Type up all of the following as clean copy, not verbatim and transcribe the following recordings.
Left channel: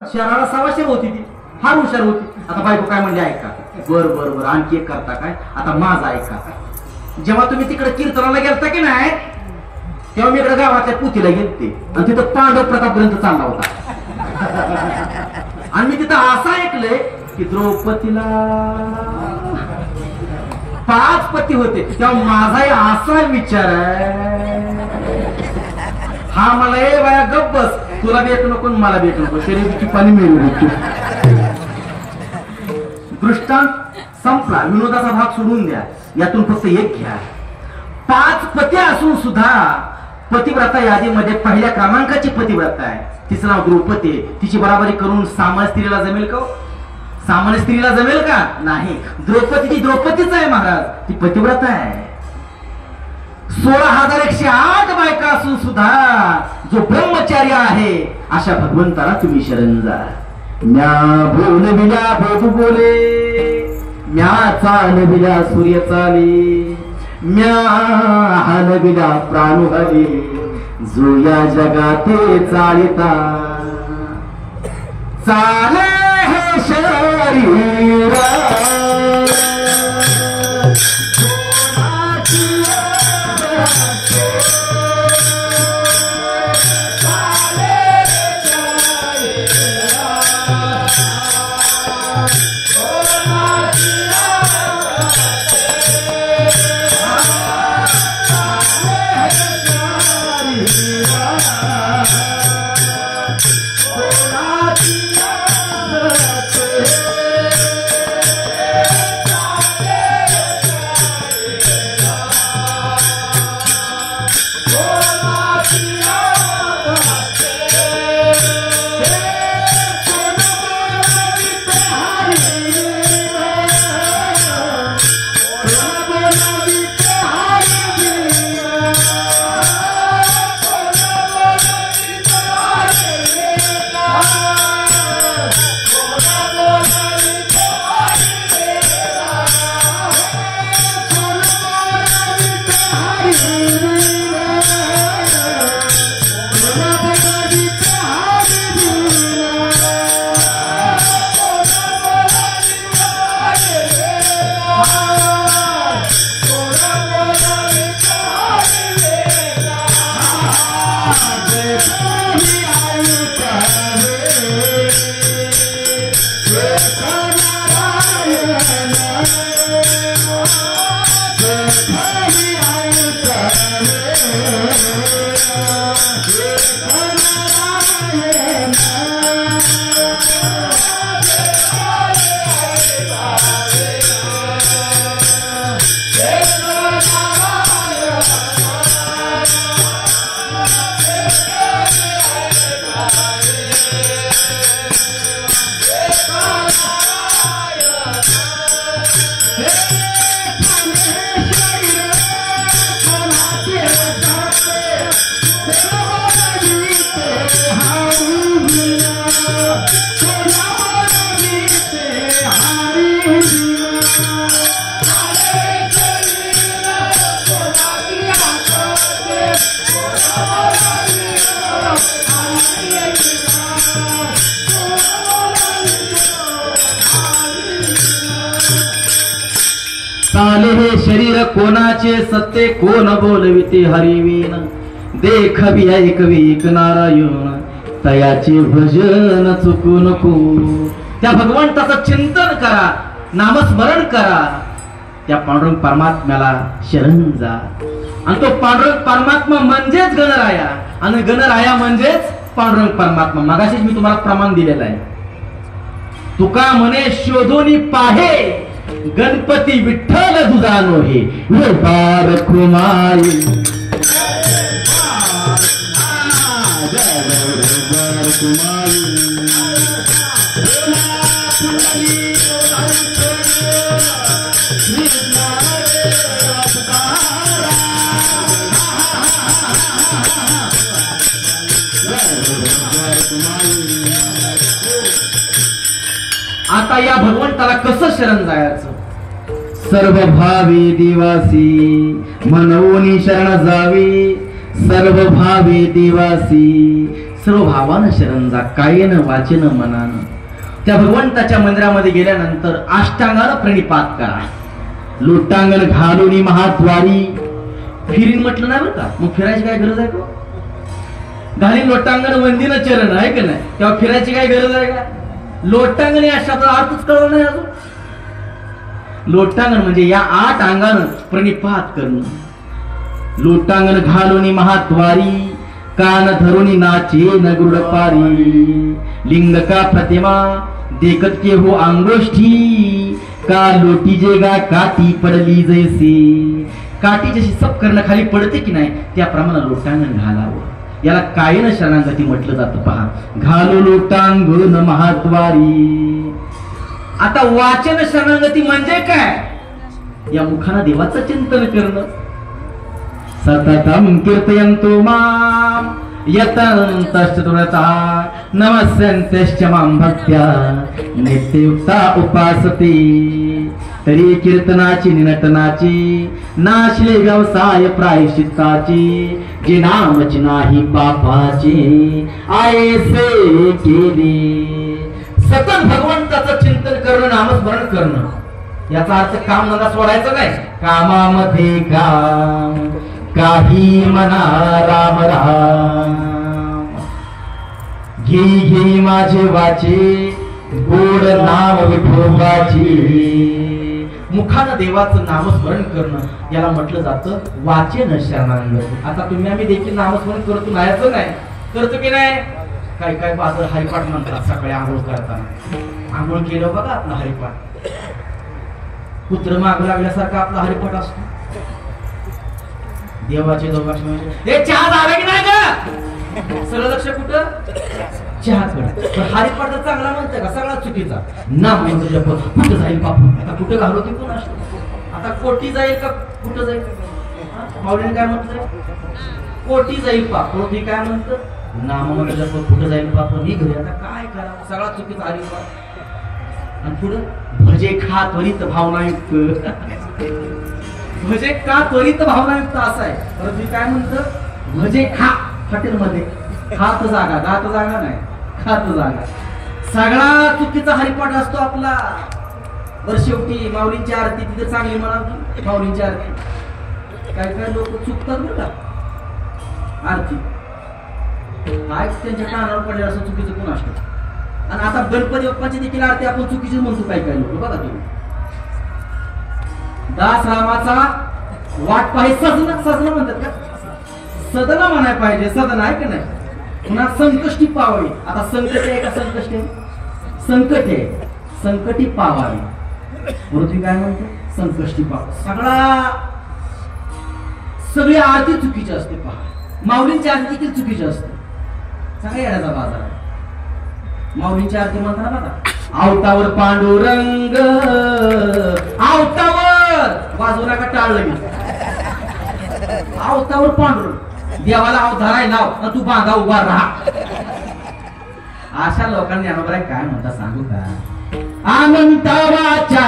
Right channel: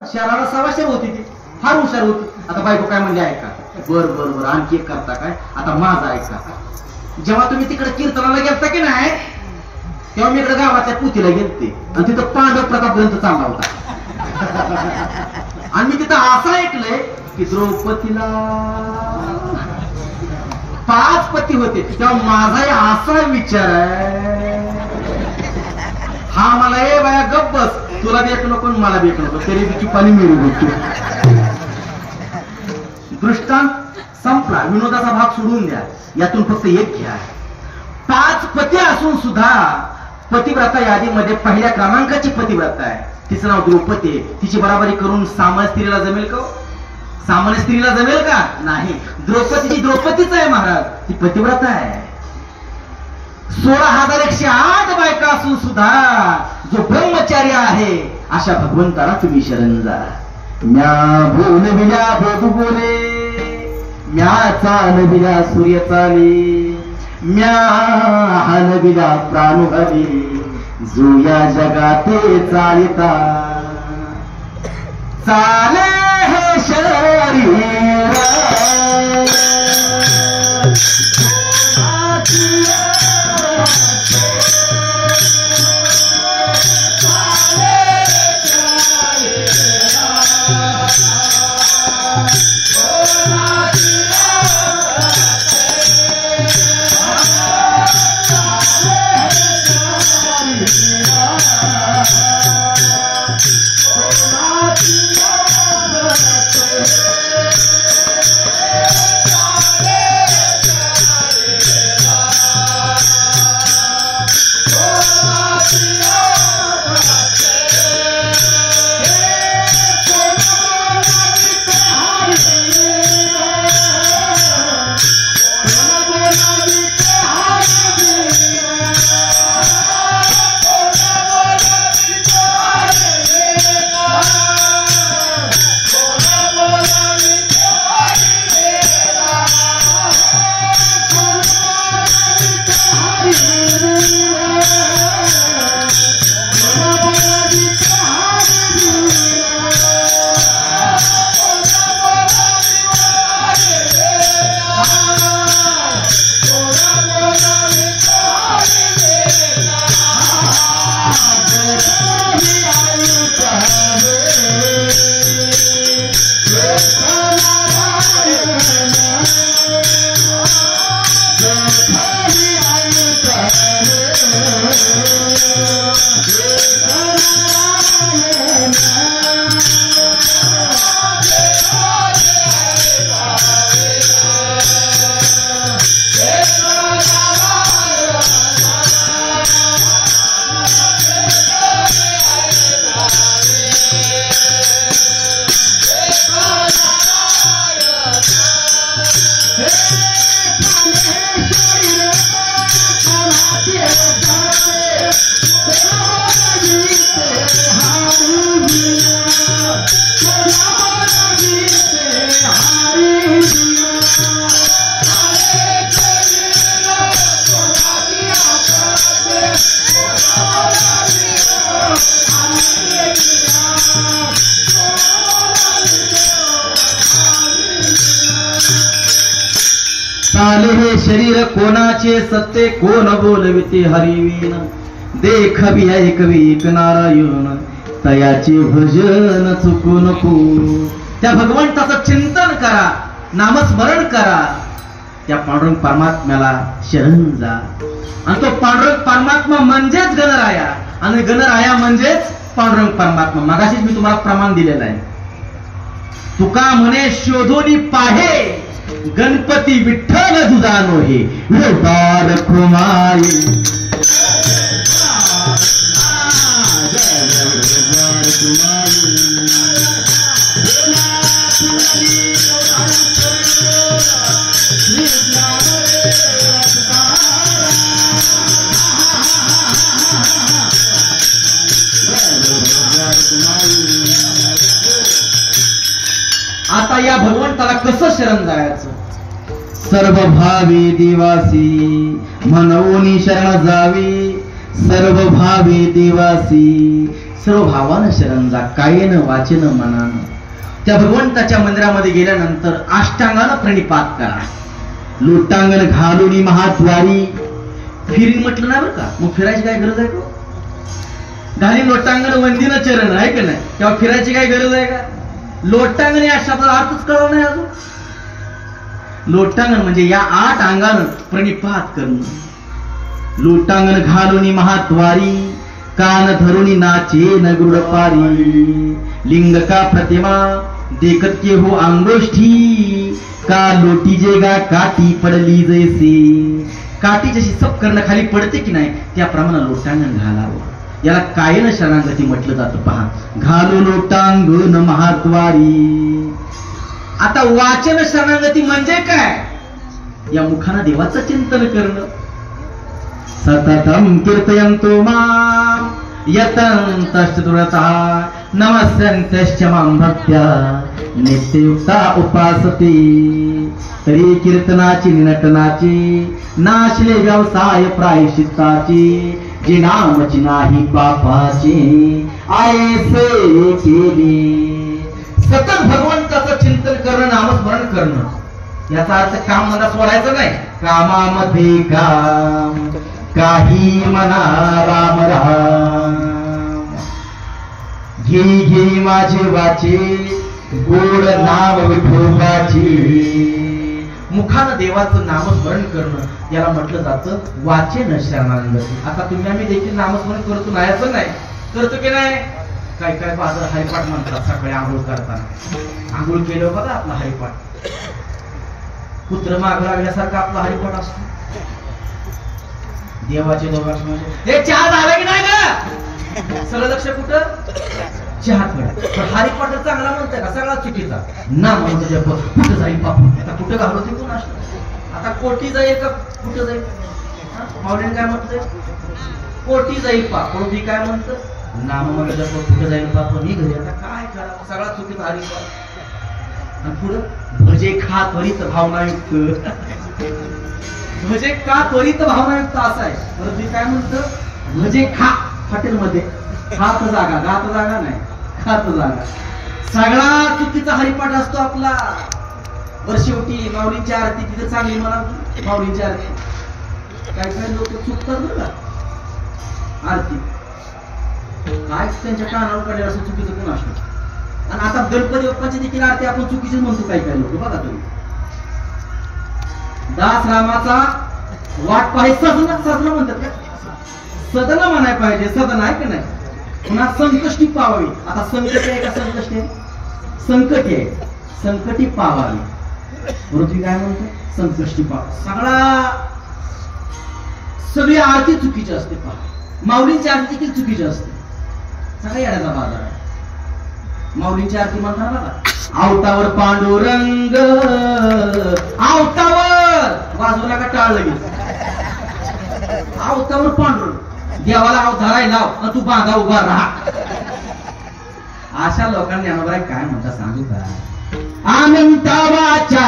शहराला सवाशेर होती ती, फार हुशार होती. आता बायको काय म्हणली ऐका, बर बर बर आणखी एक करता काय, आता माझा ऐका. जेव्हा तुम्ही तिकडे कीर्तनाला गेलता की नाही, तेव्हा मी इकडे गावातल्या पुतीला गेलते आणि तिथं पांडव प्रतापर्यंत चालला होता. आणि मी तिथं असं ऐकलंय की द्रौपदीला 5 पती होते. तेव्हा माझाही असा विचार आहे, हा मला ए बाया गप बस, तुला भेट नको मला भेट नको, तरी तिची पाणी मिळू होती. दृष्टांत संपला, विनोदाचा भाग सोडून द्या, यातून फक्त एक घ्या. 5 पती असून सुद्धा पतिव्रता यादीमध्ये पहिल्या क्रमांकाची पतिव्रता आहे, तिचं नाव द्रौपदी. तिची बराबरी करून सामान्य स्त्रीला जमेल का? सामान्य स्त्रीला जमेल का? नाही. द्रौपदीची द्रौपदीच आहे महाराज, ती पतिव्रता आहे. 16,108 बायका असून सुद्धा जो ब्रह्मचार्य आहे अशा भगवंताला तुम्ही शरण जा. म्या बोलविल्या बघू बोले, म्या चालविल्या सूर्य चाले, म्या हलविल्या प्राण हवे, जो या जगाते चालिता चाले हे शरीर. चाले हे शरीर कोणाचे सत्य, कोण बोलविते हरिवीन. देखवी ऐकवी एक नारायण, तयाचे भजन चुकू नको. त्या भगवंताचं चिंतन करा, नामस्मरण करा, त्या पांडुरंग परमात्म्याला शरण जा. आणि तो पांडुरंग परमात्मा म्हणजेच गणराया, आणि गणराया म्हणजेच पांडुरंग परमात्मा. मगाशीच मी तुम्हाला प्रमाण दिलेलं आहे. तुका म्हणे शोधोनी पाहे, गणपती विठ्ठल दुजानो हे बार कुमारी. आता या भगवंताला कसं शरण जायचं? सर्व भावी दिवासी म्हणून शरण जावी, सर्व भावी दिवासी सर्व भावानं शरण जा, कायेनं वाचेनं मनानं. त्या भगवंताच्या मंदिरामध्ये गेल्यानंतर अष्टांगानं प्रणिपात करा. लोटांगण घालून महाद्वारी. फिरी म्हटलं ना बरं का, मग फिरायची काय गरज आहे का? घाली लोटांगण वंदीनं चरण आहे का नाही, तेव्हा फिरायची काय गरज आहे का? लोटांगण या शब्दाचा अर्थच कळलं नाही अजून. लोटांगण म्हणजे या 8 अंगानं प्रणिपात करणं. लोटांगण घालून महाद्वारी, कान धरुनी नाचे न गरुड पारी. लिंग का प्रतिमा देखत के हो अंगोष्ठी, का लोटी जेगा काठी पडली जैसे. काठी जशी सप करणं खाली पडते की नाही, त्याप्रमाणे लोटांगण घालावं. याला कायन शरणागती म्हटलं जातं. पहा, घालो लोटांगण महाद्वारी. आता वाचन शरणागती म्हणजे काय? या मुखानं देवाचं चिंतन करणं. सततम कीर्तयन्तो माम यतन्तश्चतुरतः नमस्यन्त्यश्च मां भक्त्या नित्ययुक्ता उपासते. तरी कीर्तनाची निनटनाची नाशले व्यवसाय प्रायश्चित्ताची. जे नामची नाही पापाचे आयसे केले. सतत भगवंताचं चिंतन करणं, नामस्मरण करणं. याचा अर्थ काम धंदा सोडायचं नाही. कामामध्ये काम, काही मना राम राम. घे घे माझे वाचे, गोड नाम विठोबाची. मुखानं देवाचं नामस्मरण करणं याला म्हटलं जातं वाचन शरणागती. आता तुम्ही आम्ही देखील नामस्मरण करतो, नायाचं नाही करतो की नाही? काय काय बाजर हरिपाठ म्हणतात सकाळी आंघोळ करताना. आंघोळ केलं बघा आपला हरिपाठ, कुत्र माग लागल्यासारखा आपला हरिपाठ असतो. देवाचे दोघांश हे चहा झाला की नाही ग? सगळं लक्ष कुठं? चहा. हरिपाठ चांगला म्हणतोय का? सगळा चुकीचा. ना म्हणतो कुठं जाईल बापू, आता कुठं घालू ते कोण असतो? आता कोटी जाईल का कुठं जाईल? माऊलीने काय म्हणतोय? कोटी जाईल पाप. कोटी काय म्हणतं? नाम म्हणतो कुठं जाईल बाप निघ घरी. आता काय करा, सगळा चुकीचा हरिपाठ. आणि पुढं भजे खा त्वरित भावनायुक्त. भजे का त्वरित भावनायुक्त असा आहे. तर तुम्ही काय म्हणतं? भजे खा हॉटेलमध्ये, खात जागा, गात जागा नाही, खात जागा. सगळा चुकीचा हरिपाठ असतो आपला. बरं शेवटी माऊलींची आरती तिथे चांगली म्हणावी. माऊलींची आरती काय काय लोक चुकतात बरं का आरती. काय त्यांच्या कानावर पडले असं चुकीचं कोण असतं. आणि आता गणपती बाप्पाची देखील आरती आपण चुकीचीच म्हणतो काय काय लोक. बघा तुम्ही, दास रामाचा वाट पाहिजे सजन, सजन म्हणतात का? सदन म्हणाय पाहिजे, सदन आहे का नाही? पुन्हा संकष्टी पावावी. आता संकट आहे का संकष्टी आहे? संकट आहे, संकटी पावावी. पृथ्वी काय म्हणतो? संकष्टी पाव. सगळी आरती चुकीची असते. पहा, माऊलींची आरती देखील चुकीची असते. सगळ्या येण्याचा बाजार आहे. माऊलींची आरती म्हणतात ना, आवतावर पांडुरंग, आवतावर वाजवला का टाळलं गेलं. आवतावर पांडुरंग, देवाला आव धराय लाव आणि तू बांधा उभा राहा. अशा लोकांनी आम्हाला काय म्हणता सांगू का? अनंतावाच्या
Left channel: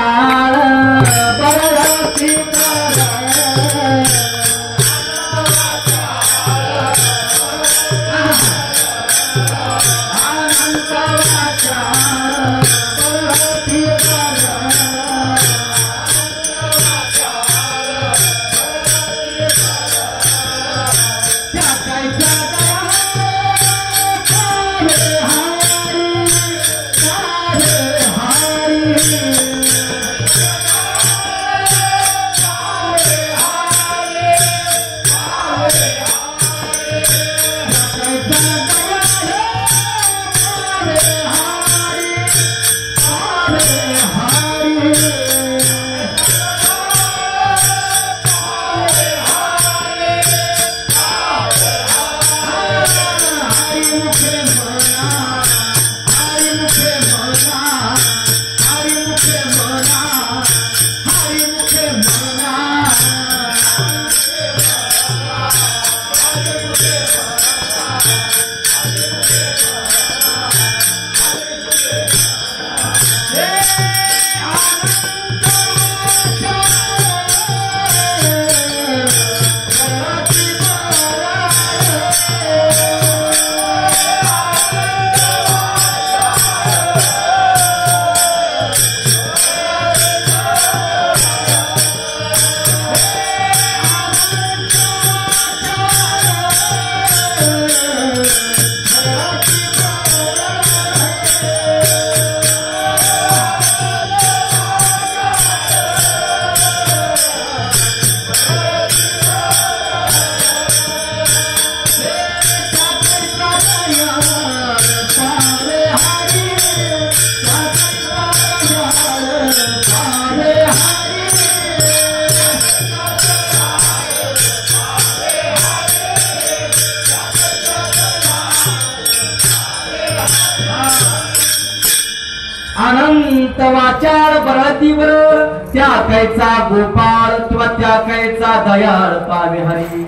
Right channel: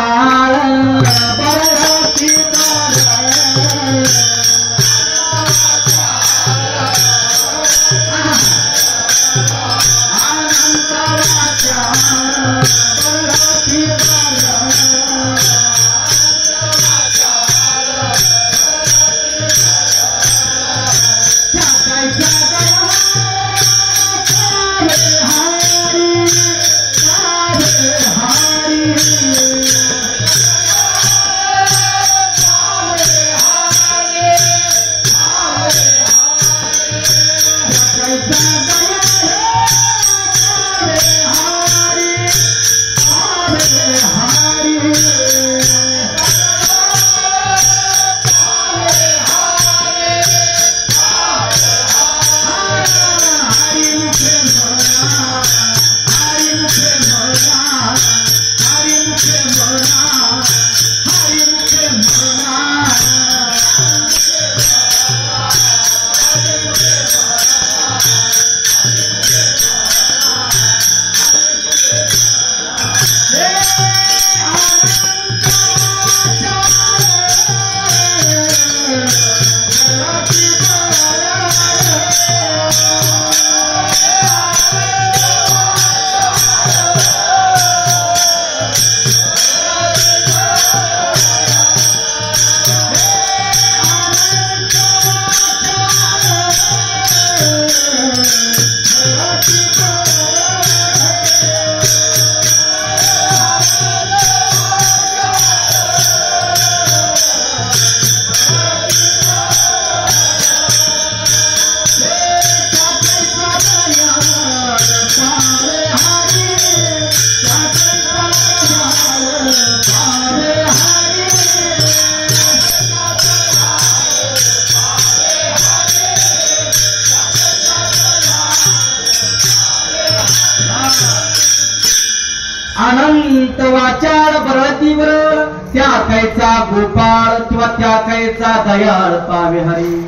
अनंत वाचाळ बळतीवर त्या कैचा गोपाळ किंवा त्या कैचा दयाळ पावे हरी.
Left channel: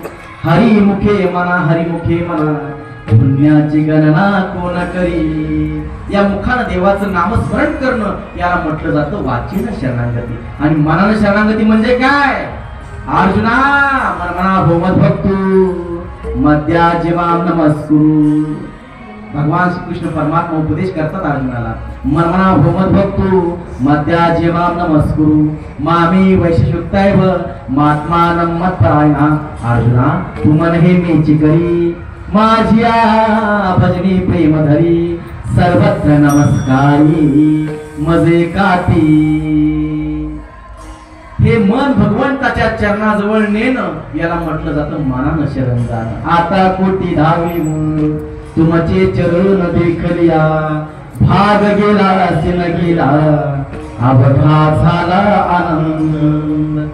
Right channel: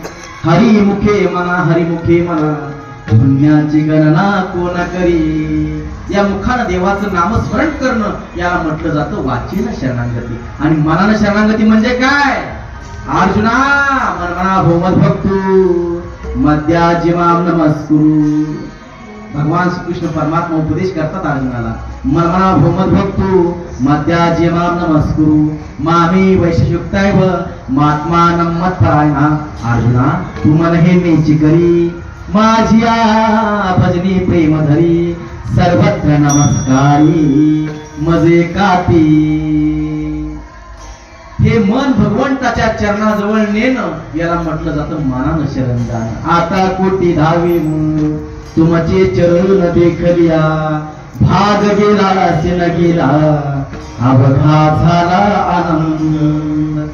हरिमुखे म्हणा हरिमुखे म्हणा पुण्याची गणना कोण करी. या मुखानं देवाचं नामस्मरण करणं याला म्हटलं जातं वाचीनं शरणागती. आणि मनानं शरणागती म्हणजे काय? अर्जुना मनमना भोमत भक्तू मध्या जीवाम नमस्कुरु. भगवान श्रीकृष्ण परमात्मा उपदेश करतात अर्जुनाला. मनमना भोमत भक्तू मध्या जीवाम नमस्कुरु मामी वैशिष्टैव महात्मानं मत्परायणा. अर्जुना तू मन हे मेची करी माझिया भजनी प्रेम धरी सर्वत्र नमस्कारी मजे काठी. हे मन भगवंताच्या चरणाजवळ नेणं याला म्हटलं जातं मनानं शरण जाणं. आता कोटी धावी मूळ तुमचे चरण देखलिया भाग गेला असेल गेला अवघा झाला आनंद.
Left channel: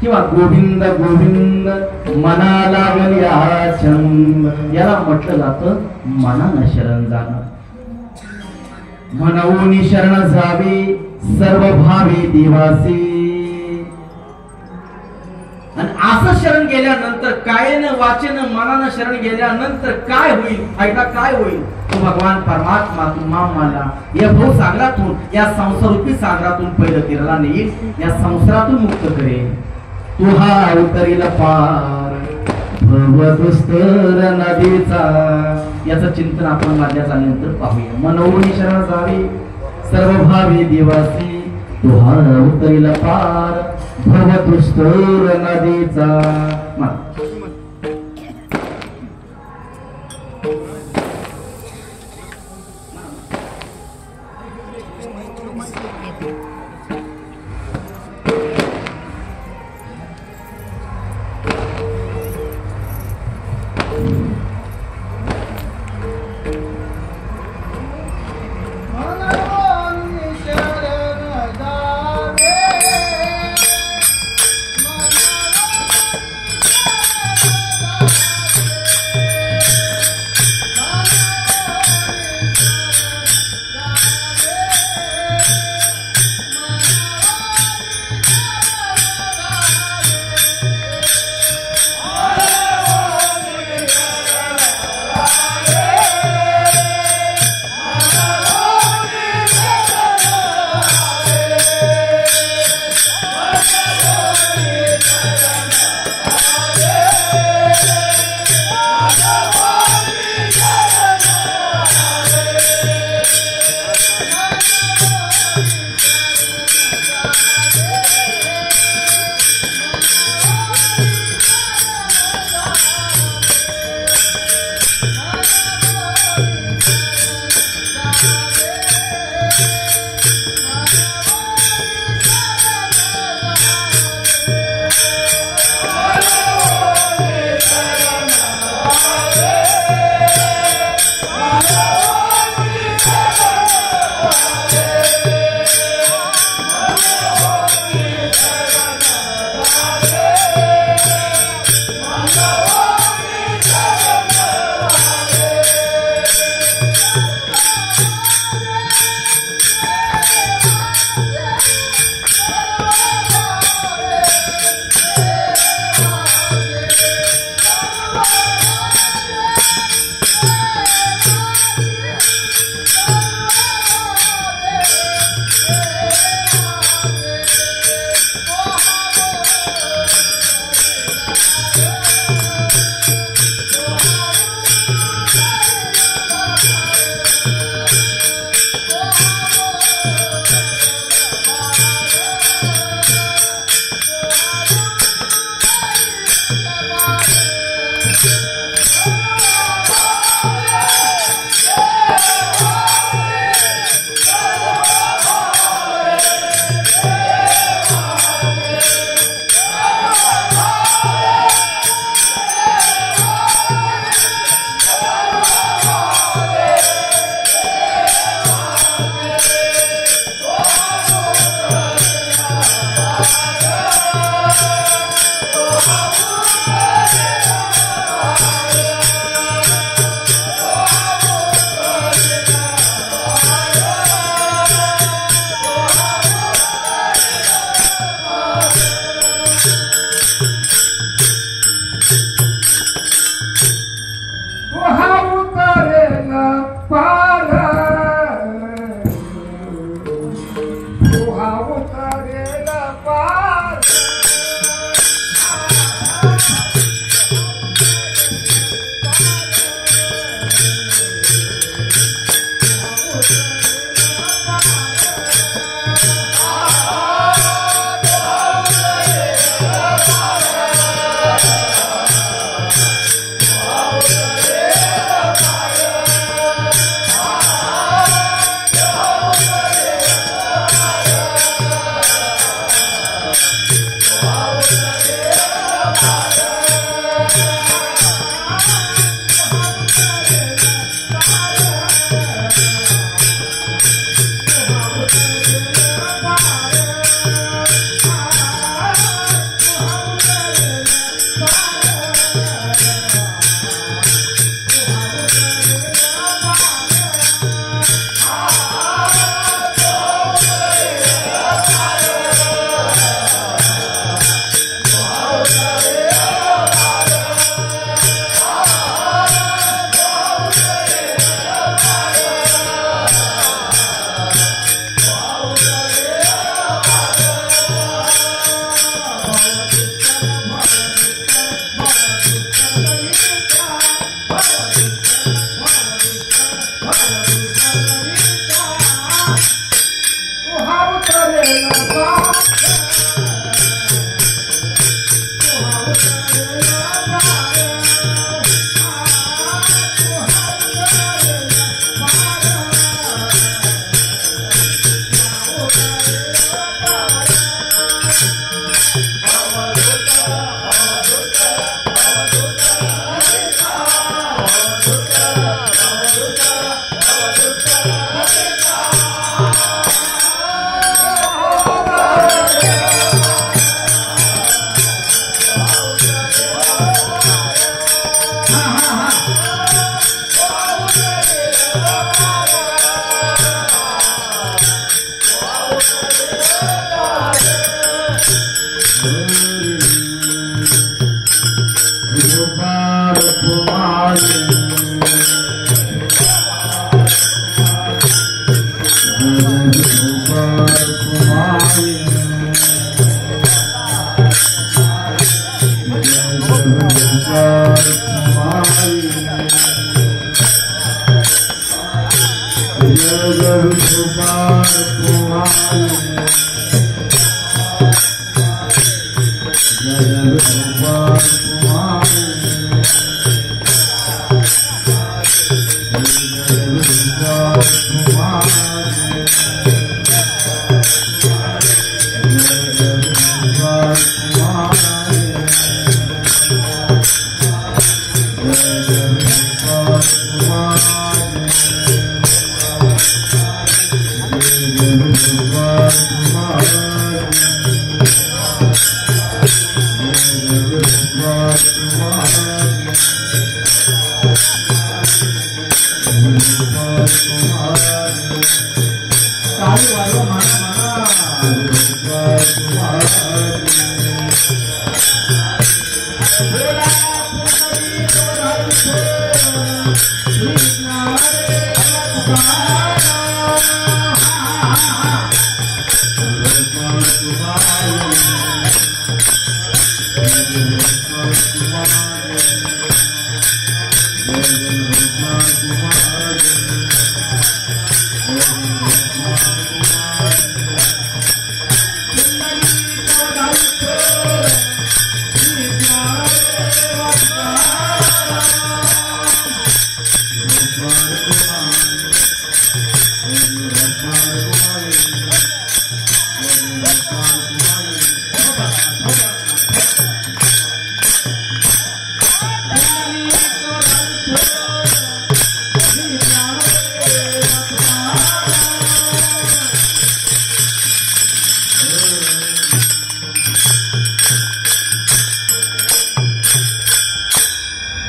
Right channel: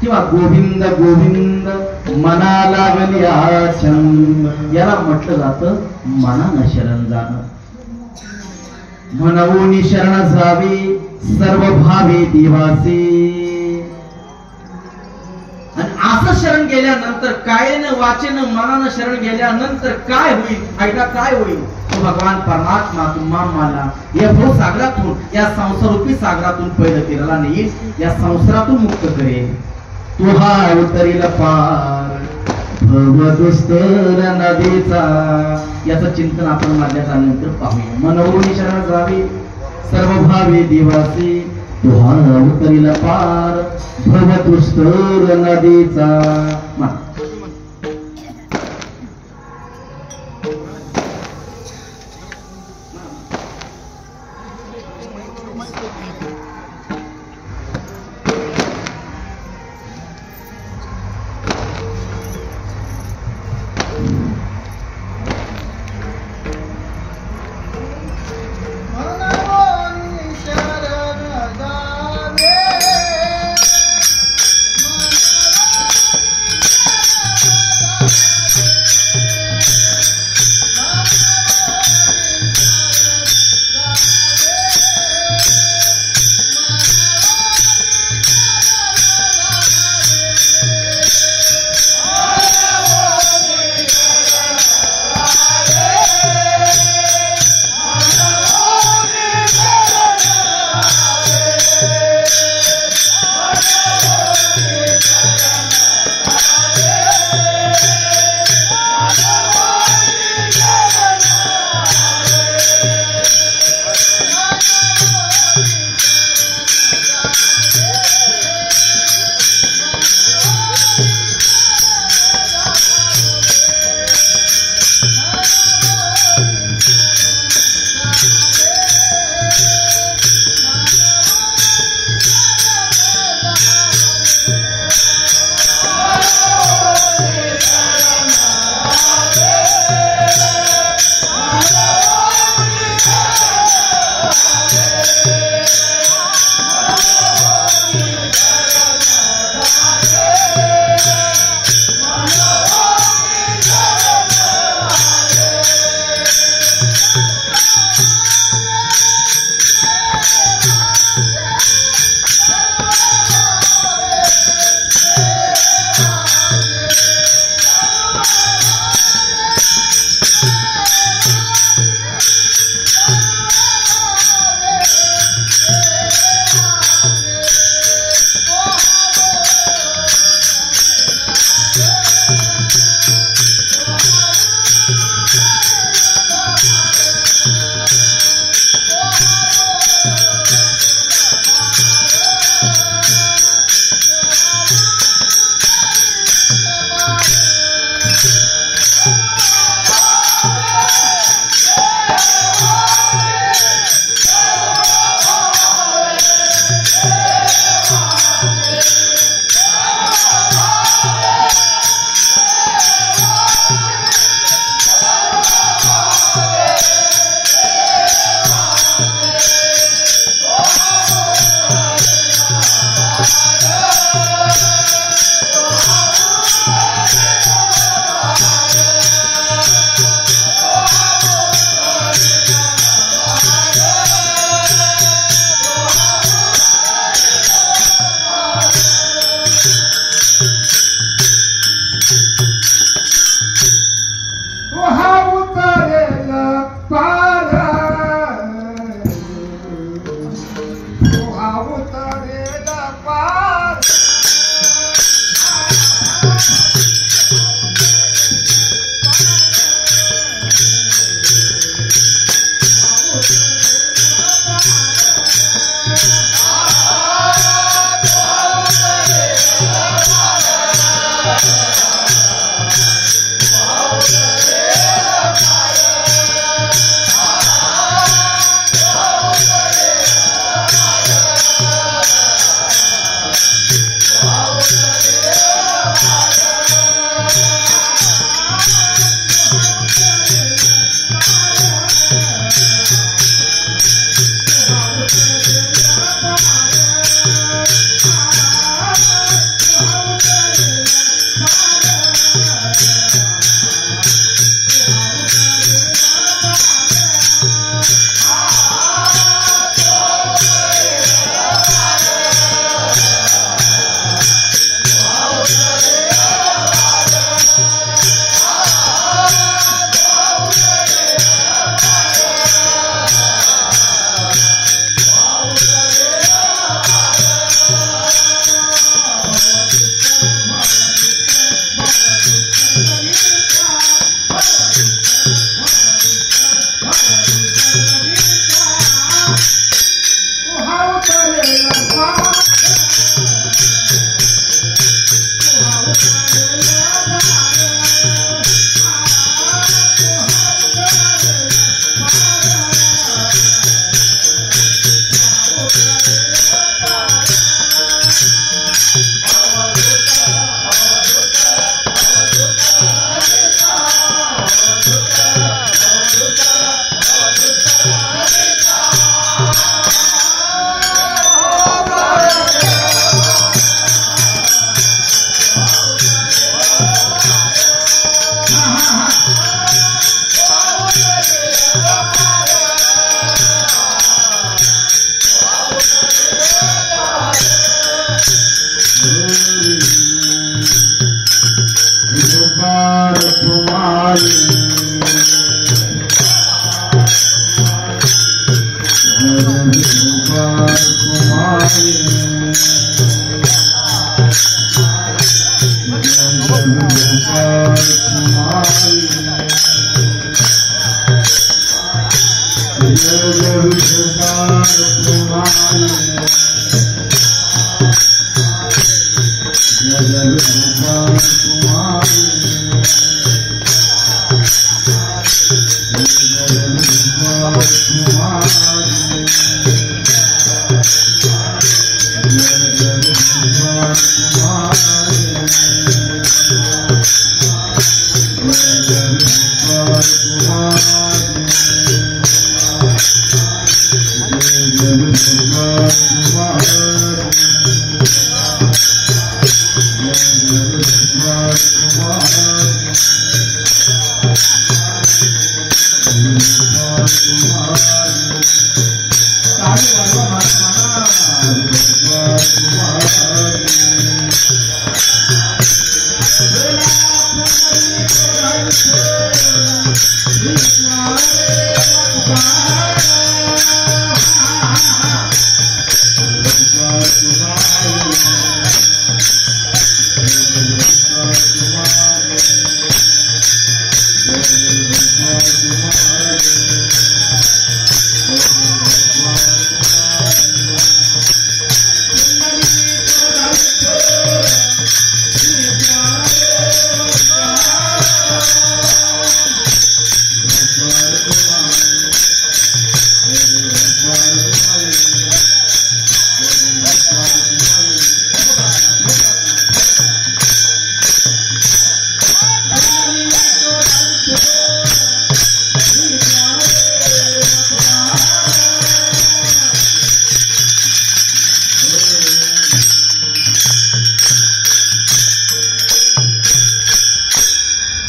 किंवा गोविंद गोविंद मना लागल्या छंद याला म्हटलं जातं मनानं शरण जाणं. म्हणून शरण जावे सर्व भावे देवासे. आणि असं शरण गेल्यानंतर कायेनं वाचेनं मनानं शरण गेल्यानंतर काय होईल? ऐका काय होईल? तो भगवान परमात्मा तुम्हाला या भव सागरातून या संसारूपी सागरातून पहिलं तेरला नेईल. या संसारातून मुक्त करेल. तुहा उतरील पार भवदुस्तर नदीचा. याचं चिंतन आपण माझ्या नंतर पाहूया. मनोनी शरण जावे सर्व भावे देवासी तुहा उतरील पार भवदुस्तर नदीचा.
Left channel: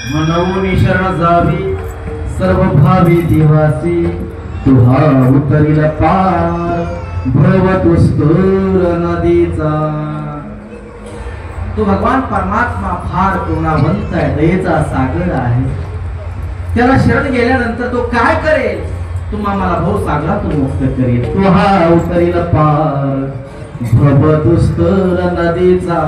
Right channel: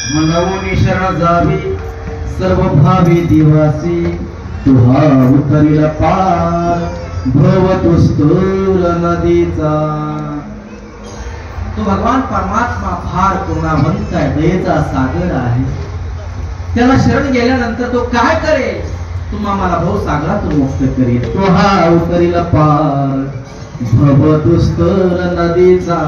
मनवून शरण जावी सर्व भावी देवासी तुहा उतरील पार भवतुस्तूर नदीचा। तो भगवान परमात्मा फार गुणावंत आहे, दयेचा सागर आहे। त्याला शरण गेल्यानंतर तो काय करेल? तुम्हाला भाऊ सागरातून मुक्त करेल। तो हा उतरील पार भवतुस्तूर नदीचा।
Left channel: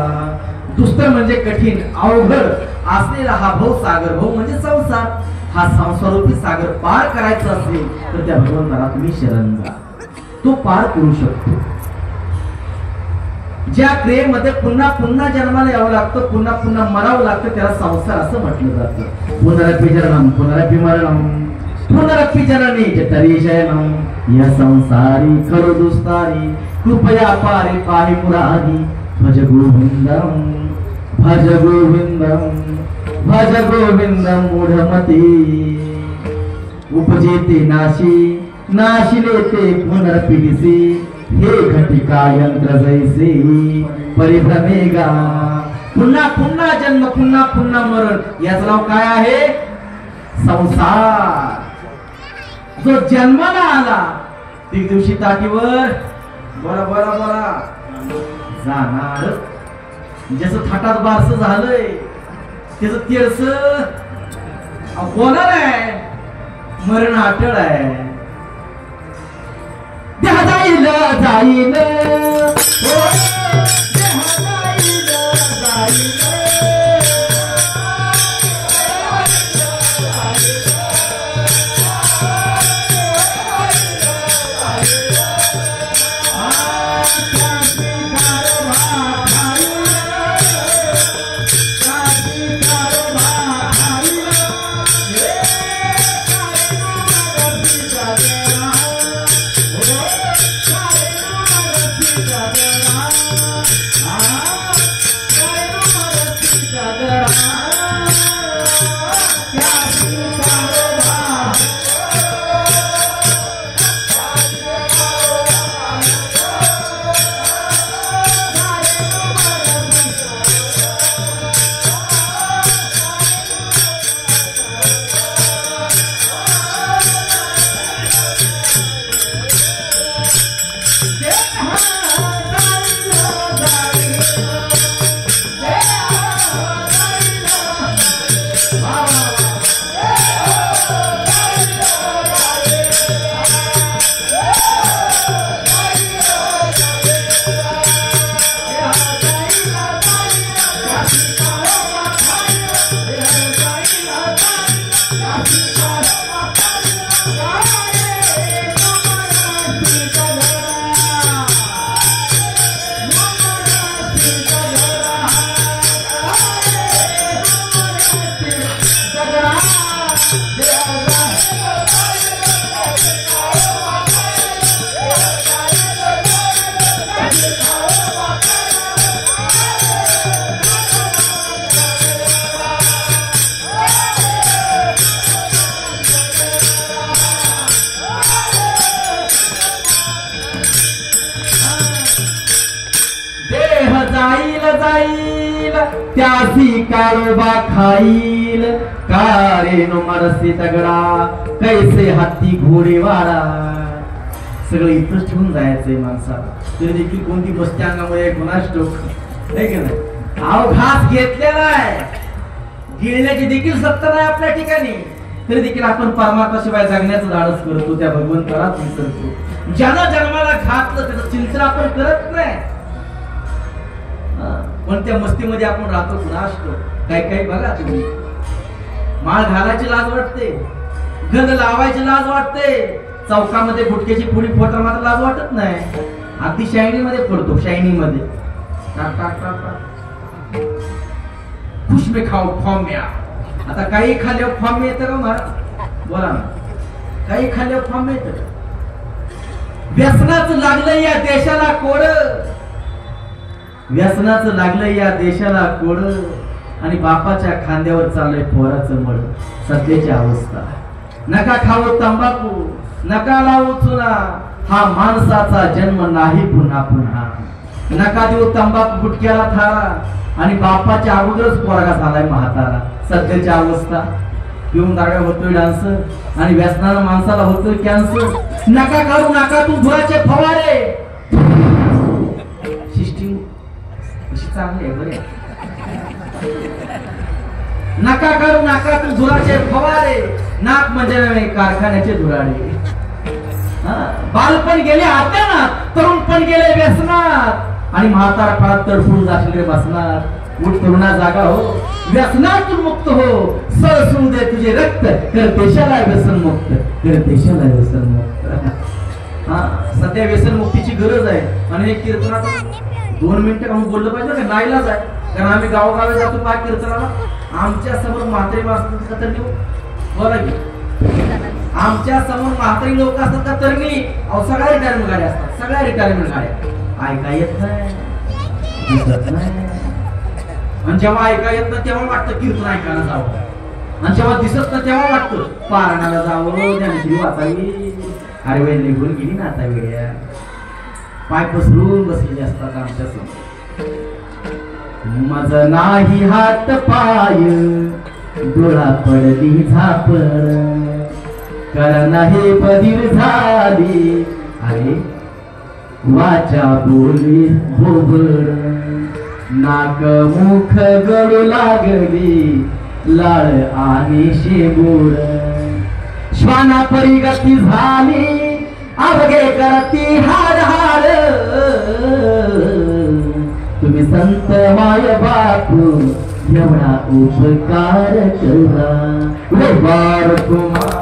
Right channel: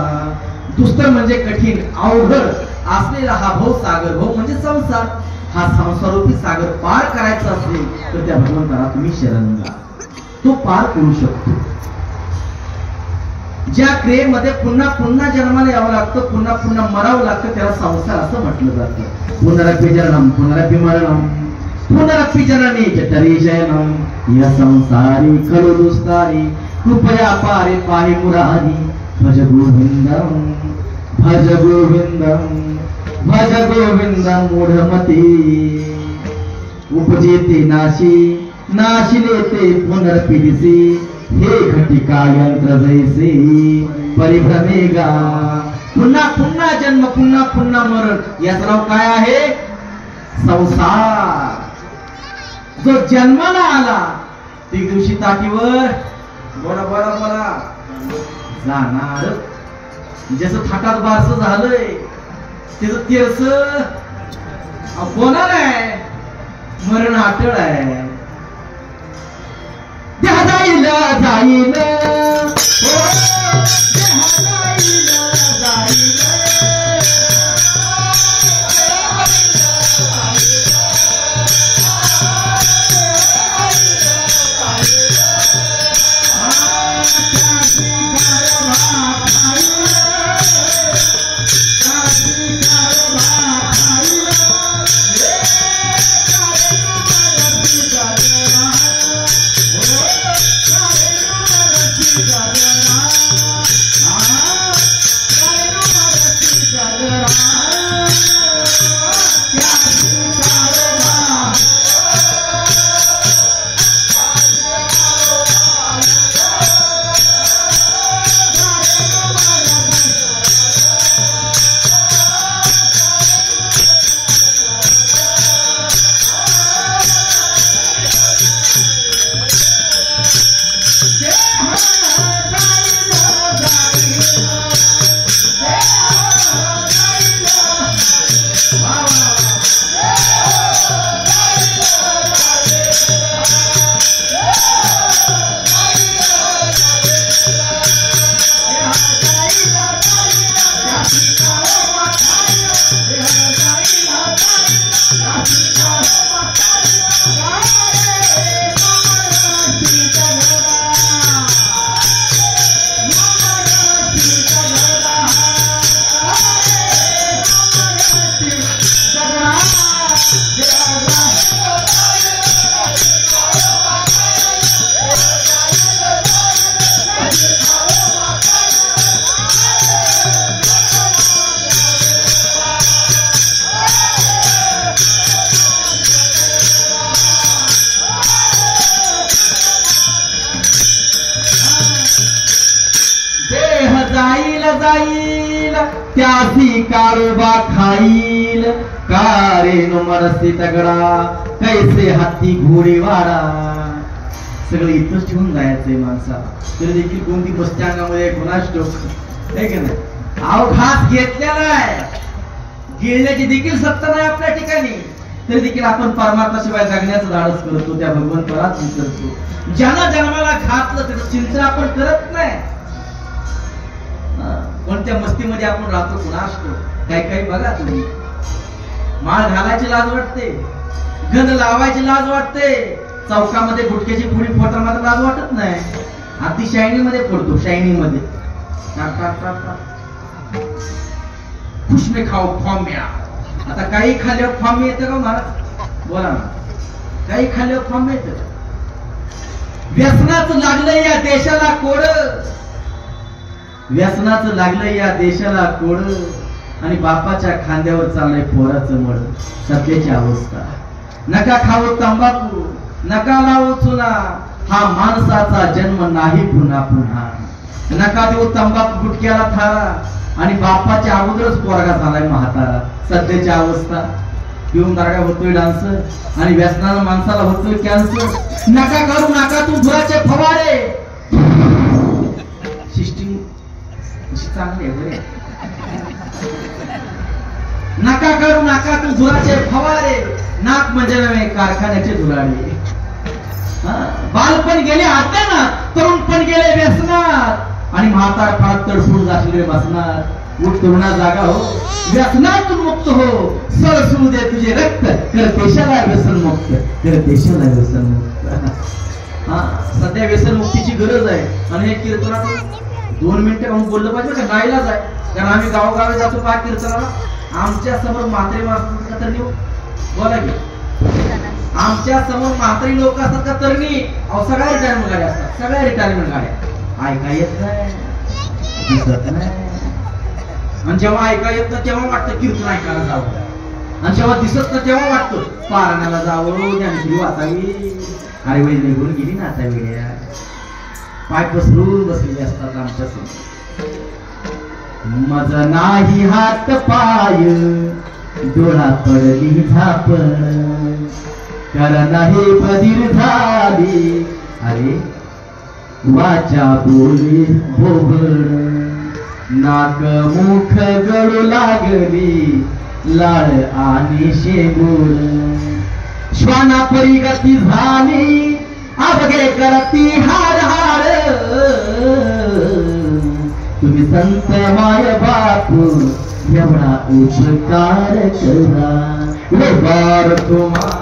दुस्तर म्हणजे कठीण अवघड असलेला हा भाऊ सागर, भाऊ म्हणजे संसार, हा संसारूपी सागर पार करायचा असेल तर त्या भगवंताला तुम्ही शरण जा, तो पार करू शकतो। ज्या क्रियेमध्ये पुन्हा पुन्हा जन्माला यावं लागतं, पुन्हा पुन्हा मरावं लागतं, त्याला संसार असं म्हटलं जातं। पुनरपि जननम पुनरपि मरणम पुनरपि जननी जठरी शयनम या संसारी करो दुस्तारी कृपया पारे पाहि मुरारी भज गोविंदम भज गोविंदम भज गोविंदम मूढमती उपजेते नाशी नाशिले ते पुनर्पिदिसी हे घटिका यंत्र जैसे परिभ्रमेगा। पुन्हा पुन्हा जन्म पुन्हा पुन्हा मरण याचं नाव काय आहे? संसार। जो जन्माला आला ती दिवशी ताटीवर बोला बोला बोला जाणार। जसं थाटात बारस झालंय त्याच तेरस बोलणार आहे, मरण अटळ आहे। देह जाईल जाईल त्यासी काळोबा खाईल कारे नो मनसे तगडा कैसे हत्ती घोडे वाडा. सगळं इथंच ठेवून जायचंय माणसाला. तरी देखील कोणती बसत्या अंगामध्ये गुणाच टोक आहे की नाही. अवघात घेतलेला आहे, गिळण्याची देखील सत्ता नाही आपल्या ठिकाणी. तरी देखील आपण परमात्म्याशिवाय जगण्याचं धाडस करतो, त्या भगवंतालाच विसरतो. ज्यानं जन्माला घातलं त्याचं चिंतन आपण करत नाही. पण त्या मस्तीमध्ये आपण राहतो कुणास काही काही बघा तुम्ही. माळ घालायची लाज वाटते, गंध लावायची लाज वाटते, चौकामध्ये गुटक्याची पुडी फोटा मात्र लाज वाटत नाही. अगदी शायनिंग मध्ये पडतो, शायनिंग मध्ये खुश में खाओ फॉर्म्या. आता काही खाल्ल्यावर फॉर्म येतं का महाराज? बोला ना, काही खाल्ल्यावर फॉर्म येतं. व्यसनाचं लागलं या देशाला कोड, व्यसनाचं लागलं या देशाला कोड, आणि बापाच्या खांद्यावर चाललंय पोराचं मळ. सध्याची अवस्था. नका खाऊ तंबाखू, नका लावू चुना, हा माणसाचा जन्म नाही पुन्हा पुन्हा. नका देऊ तंबाखू गुटक्याला थारा, आणि बापाच्या अगोदरच पोरगा झालाय म्हातारा. सध्याची अवस्था. पिऊन दारगा होतोय डान्स, आणि व्यसनानं माणसाला होतोय कॅन्सर. नका करू नका तू धुराचे फवारे. सिस्टीम चांगली आहे बरे. नका करू नका तू धुराचे फवारे, नाक म्हणजे नव्हे कारखान्याचे धुराळे. बालपण गेले आता, तरुणपण गेले व्यसनात, आणि म्हातार फार तडफडून जाशील बसणार. उठ तरुणा जागा हो, व्यसनातून मुक्त हो, सळसळू दे तुझे रक्त, कर देशाला व्यसन मुक्त, कर देशाला व्यसन मुक्त. सध्या व्यसन मुक्तीची गरज आहे. आणि एक कीर्तनात 2 मिनिटं म्हणून बोललं पाहिजे का? नाईलाज आहे. कारण आम्ही गावोगावी जातो काय कीर्तनाला. आमच्या समोर म्हातारी वाचतात का तरणी? बोला की. आमच्या समोर म्हातारी लोक असतात का तरणी? अहो सगळ्या रिटायरमेंट गाड्या असतात, सगळ्या रिटायरमेंट गाड्या. ऐका येत नाही, दिसत नाही. आणि जेव्हा ऐका येत ना तेव्हा वाटतं कीर्तन ऐकायला जावं, आणि जेव्हा दिसत ना तेव्हा वाटतं पारण्याला जावं, ज्ञानेश्वरी वाचावी. अरे वेळ निघून गेली ना आता वेळ. पाय पसरून बसलेले असतात आमच्या समोर. मज नाही हात पाय, डोळा पडली झाप, कर नाही बधीर झाली. अरे वाचा बोली भोबड, नाक मुख गळू लागली, लाळ आणि शेबूड. श्वाना परिगती झाली, अवघे करती हाड हाड. तुम्ही संत माय बापू एवढा उपकार करा, बार तुम्हाला.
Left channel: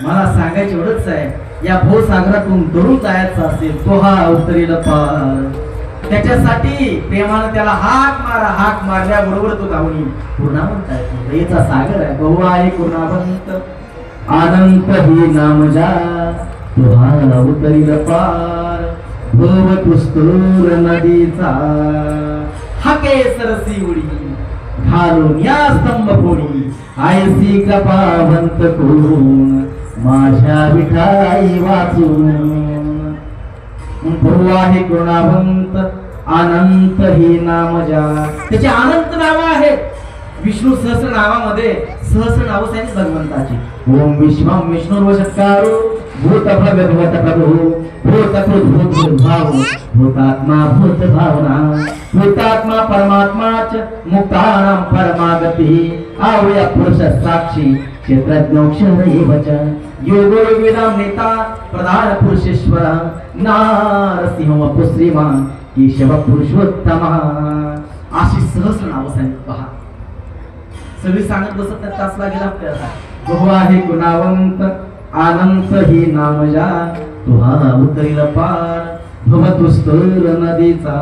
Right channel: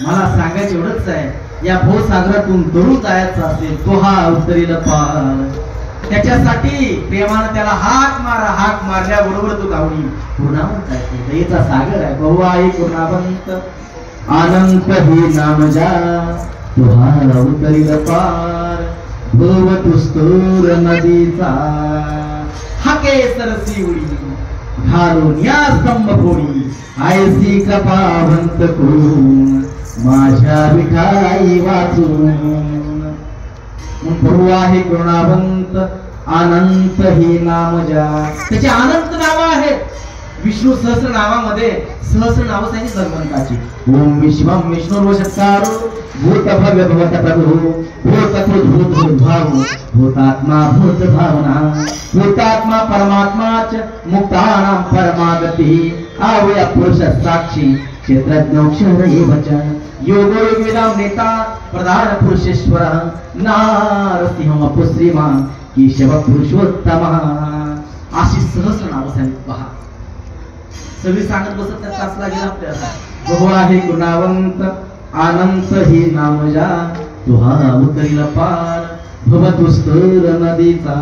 मला सांगायचं एवढंच आहे, या भवसागरातून तरुण जायचं असेल तो हा अवतरील पार. त्याच्यासाठी प्रेमानं त्याला हाक मारा. हाक मारल्याबरोबर तो गावली पूर्णावंत आहे. दयेचा सागर आहे. बहु आहे पूर्णावंत, अनंत ही नाम जा, तो हा अवतरील पार. भव तुस्तूर नदीचा, हाके सरसी उडी, घालून या स्तंभ फोडी. आयसी कृपावंत कोण, माझ्या विठाई वाचून. प्रभू आहे करुणावंत, अनंत ही नाम जा. त्याचे अनंत नाव आहेत. विष्णू सहस्र नावामध्ये सहस्र नाव सांगितली भगवंताची. ओम विश्वम विष्णुर्वशत्कारो भूत भव्य भवत प्रभु, भूत भूत भाव, भूतात्मा भूत भावना, भूतात्मा परमात्माच, मुक्तानां परमागती. आवया पुरुष साक्षी, क्षेत्रज्ञोक्षर एवच, योगो योगिनां नेता, प्रधान पुरुषेश्वर, नारसिंह वपुश्रीमान, केशव पुरुषोत्तम. अशी सहस्र नाव सांगितली. पहा सगळी सांगत बसत नाही, तास लागेल आपल्याला. बहु आहे गुणावंत, अनंत ही नाम जा, तुहा उतरील पार. भवतुस्तर नदीचा.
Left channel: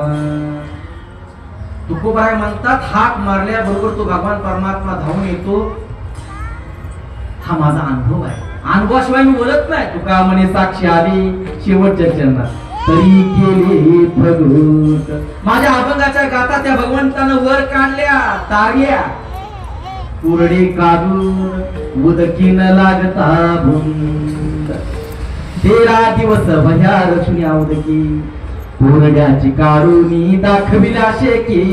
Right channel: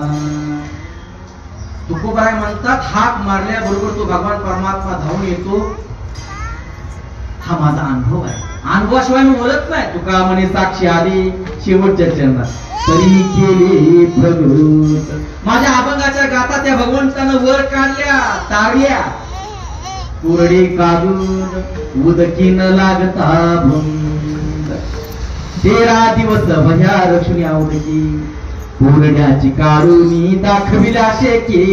तुकोबाई म्हणतात हाक मारल्याबरोबर तो भगवान परमात्मा धावून येतो. हा माझा अनुभव आहे. अनुभवाशिवाय मी बोलत नाही. तुका म्हणे साक्षी आली शेवटच्या चरणात तरी केले फलोट. माझ्या अभंगाच्या गाता त्या भगवंतानं वर काढल्या तार्या कोरडे काढून उदकीन लागता भुंग. 13 दिवस भया रक्षुनी आवडकी कोरड्याची काढून दाखविला शेके.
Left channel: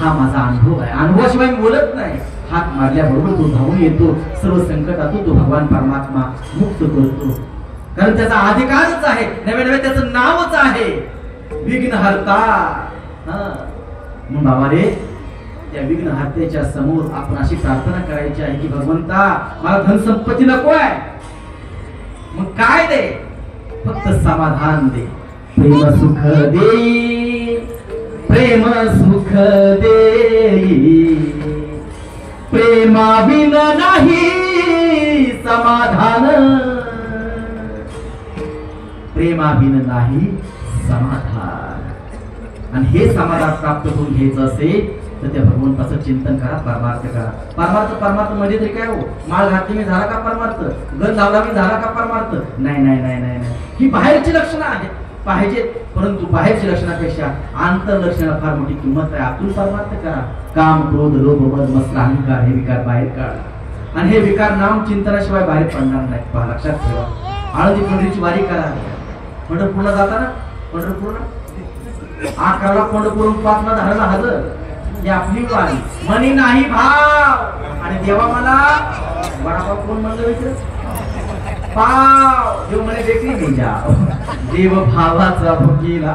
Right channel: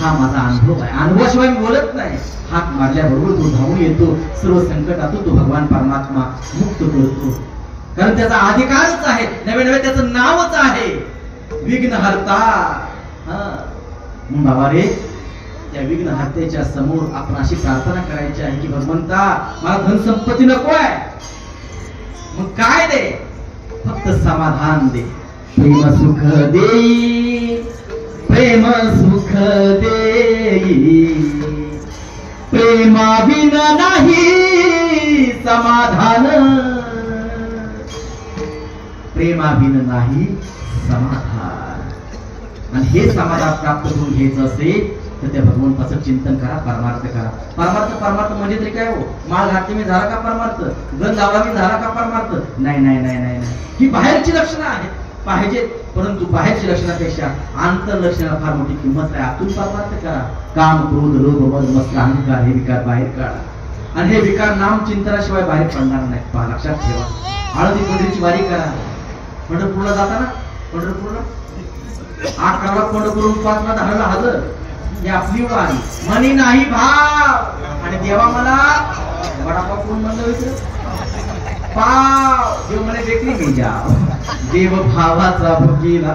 हा माझा अनुभव आहे. अनुभवाशिवाय मी बोलत नाही. हात मारल्याबरोबर तो धावून येतो. सर्व संकटातून तो भगवान परमात्मा मुक्त करतो. कारण त्याचा अधिकारच आहे. नवे नवे त्याचं नावच आहे विघ्नहर्ता. म्हणून बाबा रे त्या विघ्नहर्त्याच्या समोर आपण अशी प्रार्थना करायची आहे की भगवंता मला धन संपत्ती नको आहे. मग काय दे? फक्त समाधान दे. प्रेम सुख दे. प्रेम सुख दे. प्रेमाविना नाही समाधान. प्रेमाविना नाही समाधान. आणि हे समाधान प्राप्त करून घ्यायचं असेल तर त्या भगवंताचं चिंतन करा. परमार्थ करा. परमार्थ म्हणजे तरी काय हो? माळ घातली मी झाला का परमार्थ? गंध लावला मी झाला का परमार्थ? नाही नाही नाही नाही नाही. ही बाहेरची लक्षणं आहेत पाहिजे. परंतु बाहेरच्या लक्षणापेक्षा आंतर लक्षणा फार मोठी किंमत आहे. आतून परमार्थ करा. काम क्रोध लोभ मद मत्सर अहंकार हे विकार बाहेर काढा. आणि हे विकार नाम चिंतनाशिवाय बाहेर पडणार नाही. पहा लक्षात ठेवा. हळदी पंढरीची वारी करा. पंढरपूरला जाताना पंढरपूरला 11ला पंढरपूरून 5ला 10ला हजर. ही आपली वारी. मनी नाही भाव. आणि देवा मला वडापाव कोण म्हणलं विचार पाव. देव म्हणे देखणी नाही जाव. देव भावाचा भुकीला.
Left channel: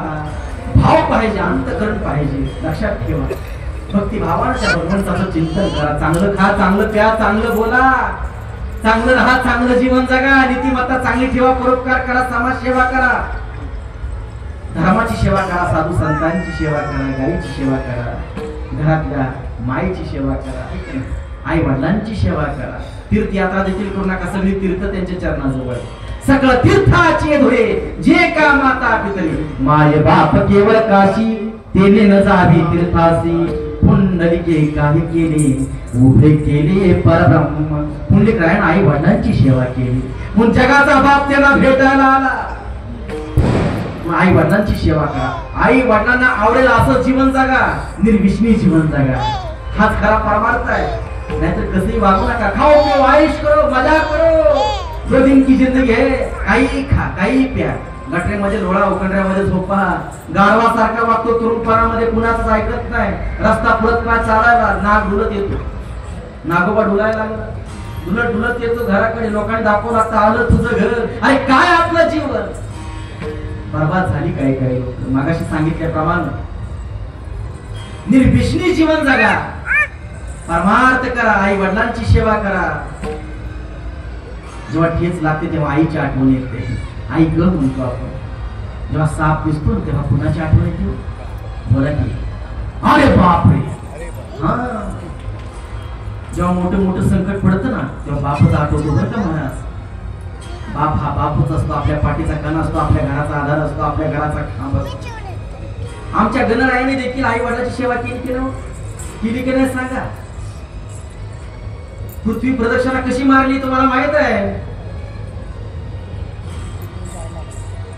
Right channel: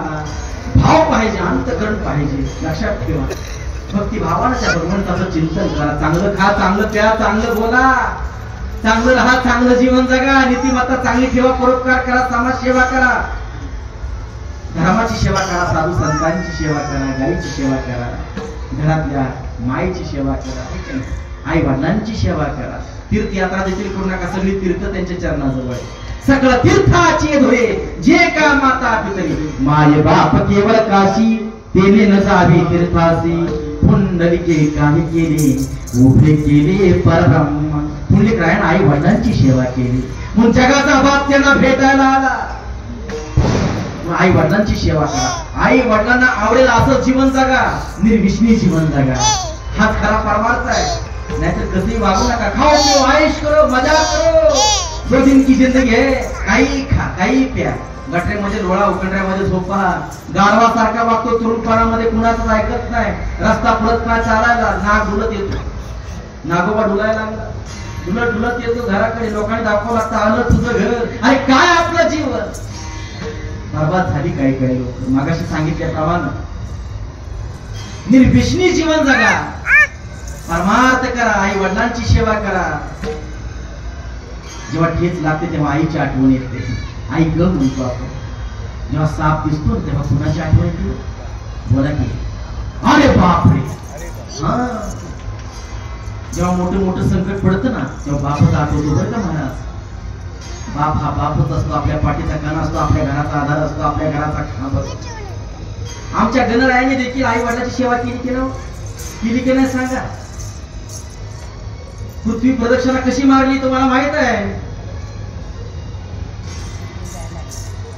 भाव पाहिजे. अंतकरण पाहिजे. लक्षात ठेवा. भक्ती भावानं त्या भगवंताचं चिंतन करा. चांगलं खा चांगलं प्या चांगलं बोला चांगलं राहा चांगलं जीवन जगा. नीतिमत्ता चांगली ठेवा. परोपकार करा. समाज सेवा करा. धर्माची सेवा करा. साधू संतांची सेवा करा. गाईची सेवा करा. घरातल्या माईची सेवा करा. आई वडिलांची सेवा करा. तीर्थयात्रा देखील करू नका. सगळी तीर्थ त्यांच्या चरणाजवळ. सगळं तीर्थाची धुळे जे का माता पितरी. माय बाप केवळ काशी तेने न जावी तीर्थासी. पुंडलिके काही केले उभे केले परब्रह्म. पुंडलिक रायण आई वडिलांची सेवा केली. म्हणून जगाचा बाप त्यांना भेटायला आला. आई वडिलांची सेवा करा. आई वडिलांना आवडेल असं जीवन जगा. निर्विष्णी जीवन जगा. हाच खरा परमार्थ आहे. नाहीतर कधी वागू नका. खाओ पिओ आयुष करो मजा करो. 2 दिन की जिंदगी है. काही खा काही प्या. गटरेमध्ये लोळा उकंड्यामध्ये झोपा. गाढवासारखा वागतो. तरुणपणामध्ये कुणाच ऐकत नाही. रस्ता पुढत नाही चालायला. नाग डुलत येतो. नागोबा डुलायला लागला. डुलत डुलत येतो घराकडे. लोकांनी दाखवलं आता आलं तुझं घर. अरे काय आपलं जीवन बर्बाद झाली. काही काही लोक मागाशी सांगितल्याप्रमाणे निर्विष्णी जीवन जगा. परमार्थ करा. आई वडिलांची सेवा करा. जेव्हा ठेच लागते तेव्हा आईची आठवण येते. आई ग म्हणतो आपण. जेव्हा साप दिसतो तेव्हा कुणाची आठवण येते? बोला की अरे बापरे. हा जेव्हा मोठं मोठं संकट पडतं ना तेव्हा बापच आठवतो बरं का महाराज. बाप हा बापच असतो. आपल्या पाठीचा कण असतो. आपल्या घराचा आधार असतो. आपल्या घराचा खांब असतो. आमच्या गणरायाने देखील आई वडिलांची सेवा केली की नाही सांगा. पृथ्वी प्रदक्षिणा कशी मारली तुम्हाला माहित आहे?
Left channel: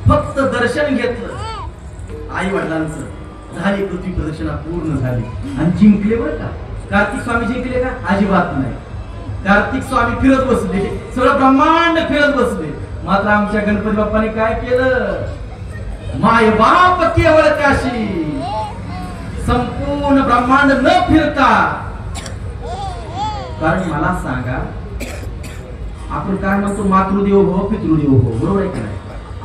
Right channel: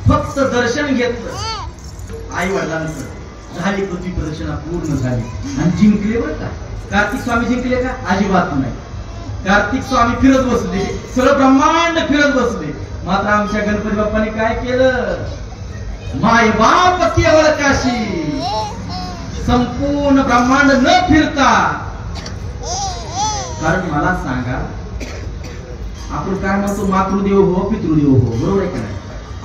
फक्त दर्शन घेतलं आई वडिलांचं झाली पृथ्वी प्रदक्षिणा पूर्ण झाली. आणि जिंकले बरं का. कार्तिक स्वामी जिंकले का? अजिबात नाही. कार्तिक स्वामी फिरत बसले. सगळं ब्रह्मांड फिरत बसले. मात्र आमच्या गणपती बाप्पाने काय केलं? माय बाप केवळ काशी. संपूर्ण ब्रह्मांड न फिरता. कारण मला सांगा आपण काय म्हणतो मातृदेव हो पितृदेव हो. बरोबर आहे का नाही?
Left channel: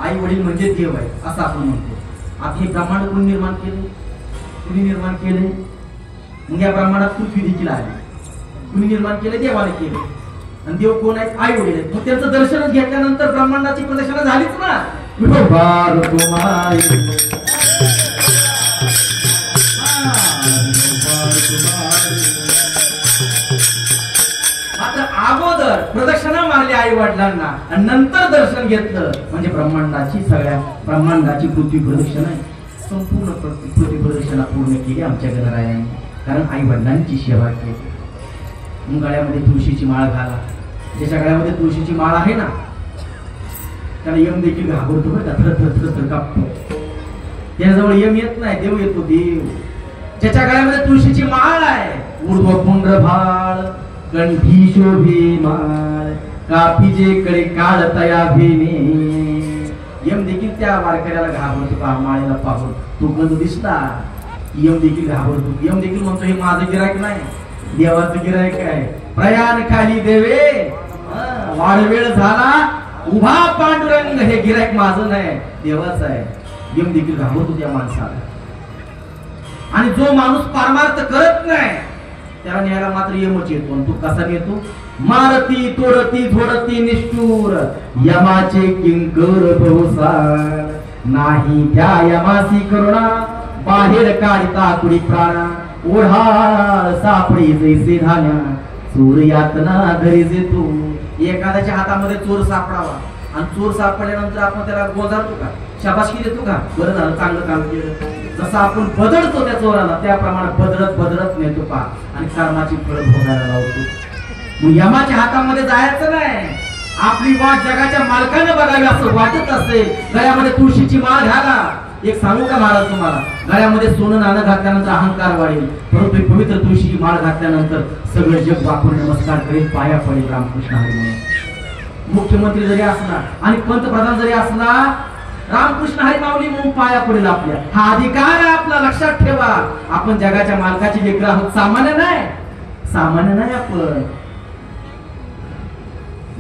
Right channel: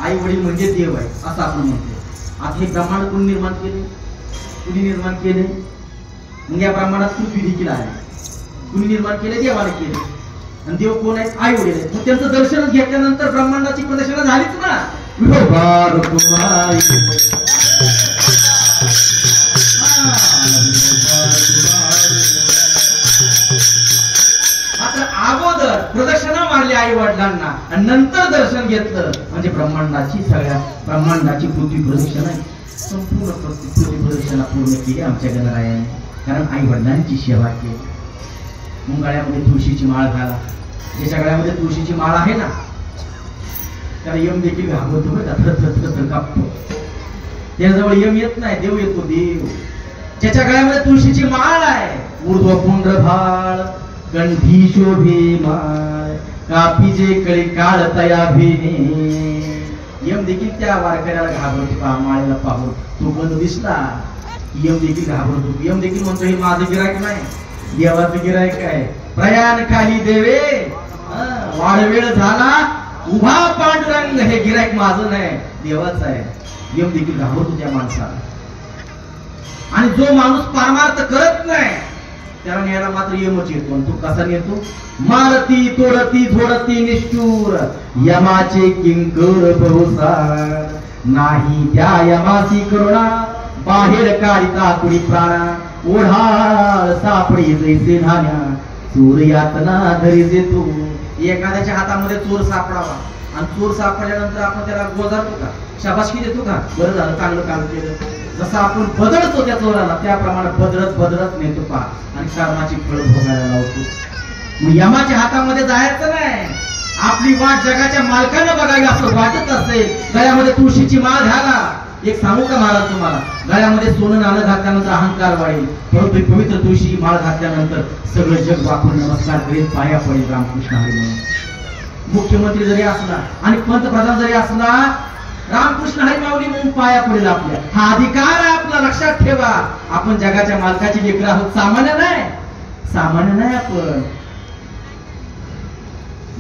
आई वडील म्हणजे देव आहे असं आपण म्हणतो. आता हे ब्रह्मांड कोणी निर्माण केले? कुणी निर्माण केले? मग या ब्रह्मांडात पृथ्वी देखील आहे. कुणी निर्माण केले? देवाने केले. आणि देव कोण आहेत? आई वडील आहेत. मग त्यांचं दर्शन घेतल्यानंतर ब्रह्मांडाची प्रदक्षिणा झालीच ना. मात्र अगोदर प्रदक्षिणा मारली आई वडिलांना आणि नंतर दर्शन घेतलं म्हणजे ब्रह्मांडाची सगळ्या ब्रह्मांडाची पृथ्वी प्रदक्षिणा संपूर्ण पृथ्वी प्रदक्षिणा पूर्ण केली आमच्या गणरायाने. कारण आई वडिलांची सेवा केली. मुंगाळ्यामध्ये तुळशीची माळ घाला. ज्याच्या गळ्यामध्ये तुळशीची माळ आहे ना त्याला यम देखील घाबरतो बरं का, थर कापतो. त्याजवळ यम येत नाही, देव येतो. देव ज्याच्या गळ्यामध्ये तुळशीची माळ आहे, ऊर्ध्व पुंड्र भाळ कंठी शोभे माळ कापीजे कडे काळ तया भेने. यम देखील त्या वारकऱ्याला घाबरतो. पहा माळेला पाहून तो गंध दिसला यम देखील घाबरतो. यम देखील म्हणतो हे माझं गिरायक नाही, देवाचं गिरायक आहे. प्रयाण खाली देवे, वाडवेळ झाला उभा पांडुरंग, हे गिरायक माझं नाही देवाचं आहे. यम देखील घाबरतो त्या माणसाला. आणि जो माणूस परमार्थ करत नाही त्याला न्यायला मात्र यमच येतो. तो कसा येतो? मारती तोडती थोडती निष्ठूर यमाचे किंकर बहुसार. नाही त्या यमासी करुणा बाहेर काढिता कुडी प्राणा. ओढाळ सापडी जैसे धान्या चोर यातना घरी जेतो. एखाद्याच्या हातामध्ये चोर सापडावा आणि चोर सापडल्यानंतर आपण त्याला गोजारतो का, शाबासकी देतो का, बरं झालं चांगलं काम केलं. जसं आपण बदलतो त्या चोराला त्याप्रमाणे बदलत नेतो पहा आणि कर्माची फळ भोगायला लावतो. मग यमाच्या हातामध्ये जायचं नाही. आपली वाट जगाच्या मालकाने बघावी असं वाटत असेल. गळ्यामध्ये तुळशीची माळ घाला. एक सांगू का महाराज तुम्हाला, गळ्यामध्ये सोनं नाणं घातल्यानंतर अहंकार वाढेल, परंतु पवित्र तुळशी माळ घातल्यानंतर सगळं जग वाकून नमस्कार करेल, पाया पडेल रामकृष्ण हरी म्हणून. मुख्यमंत्री जरी असला आणि पंतप्रधान जरी असला रामकृष्ण हरी माऊली म्हणून पाया पडेल आपल्या. हा अधिकार आहे आपला, लक्षात ठेवा. आपण जगाच्या मालकाची लेकरं आहोत, सामान्य नाही आपण.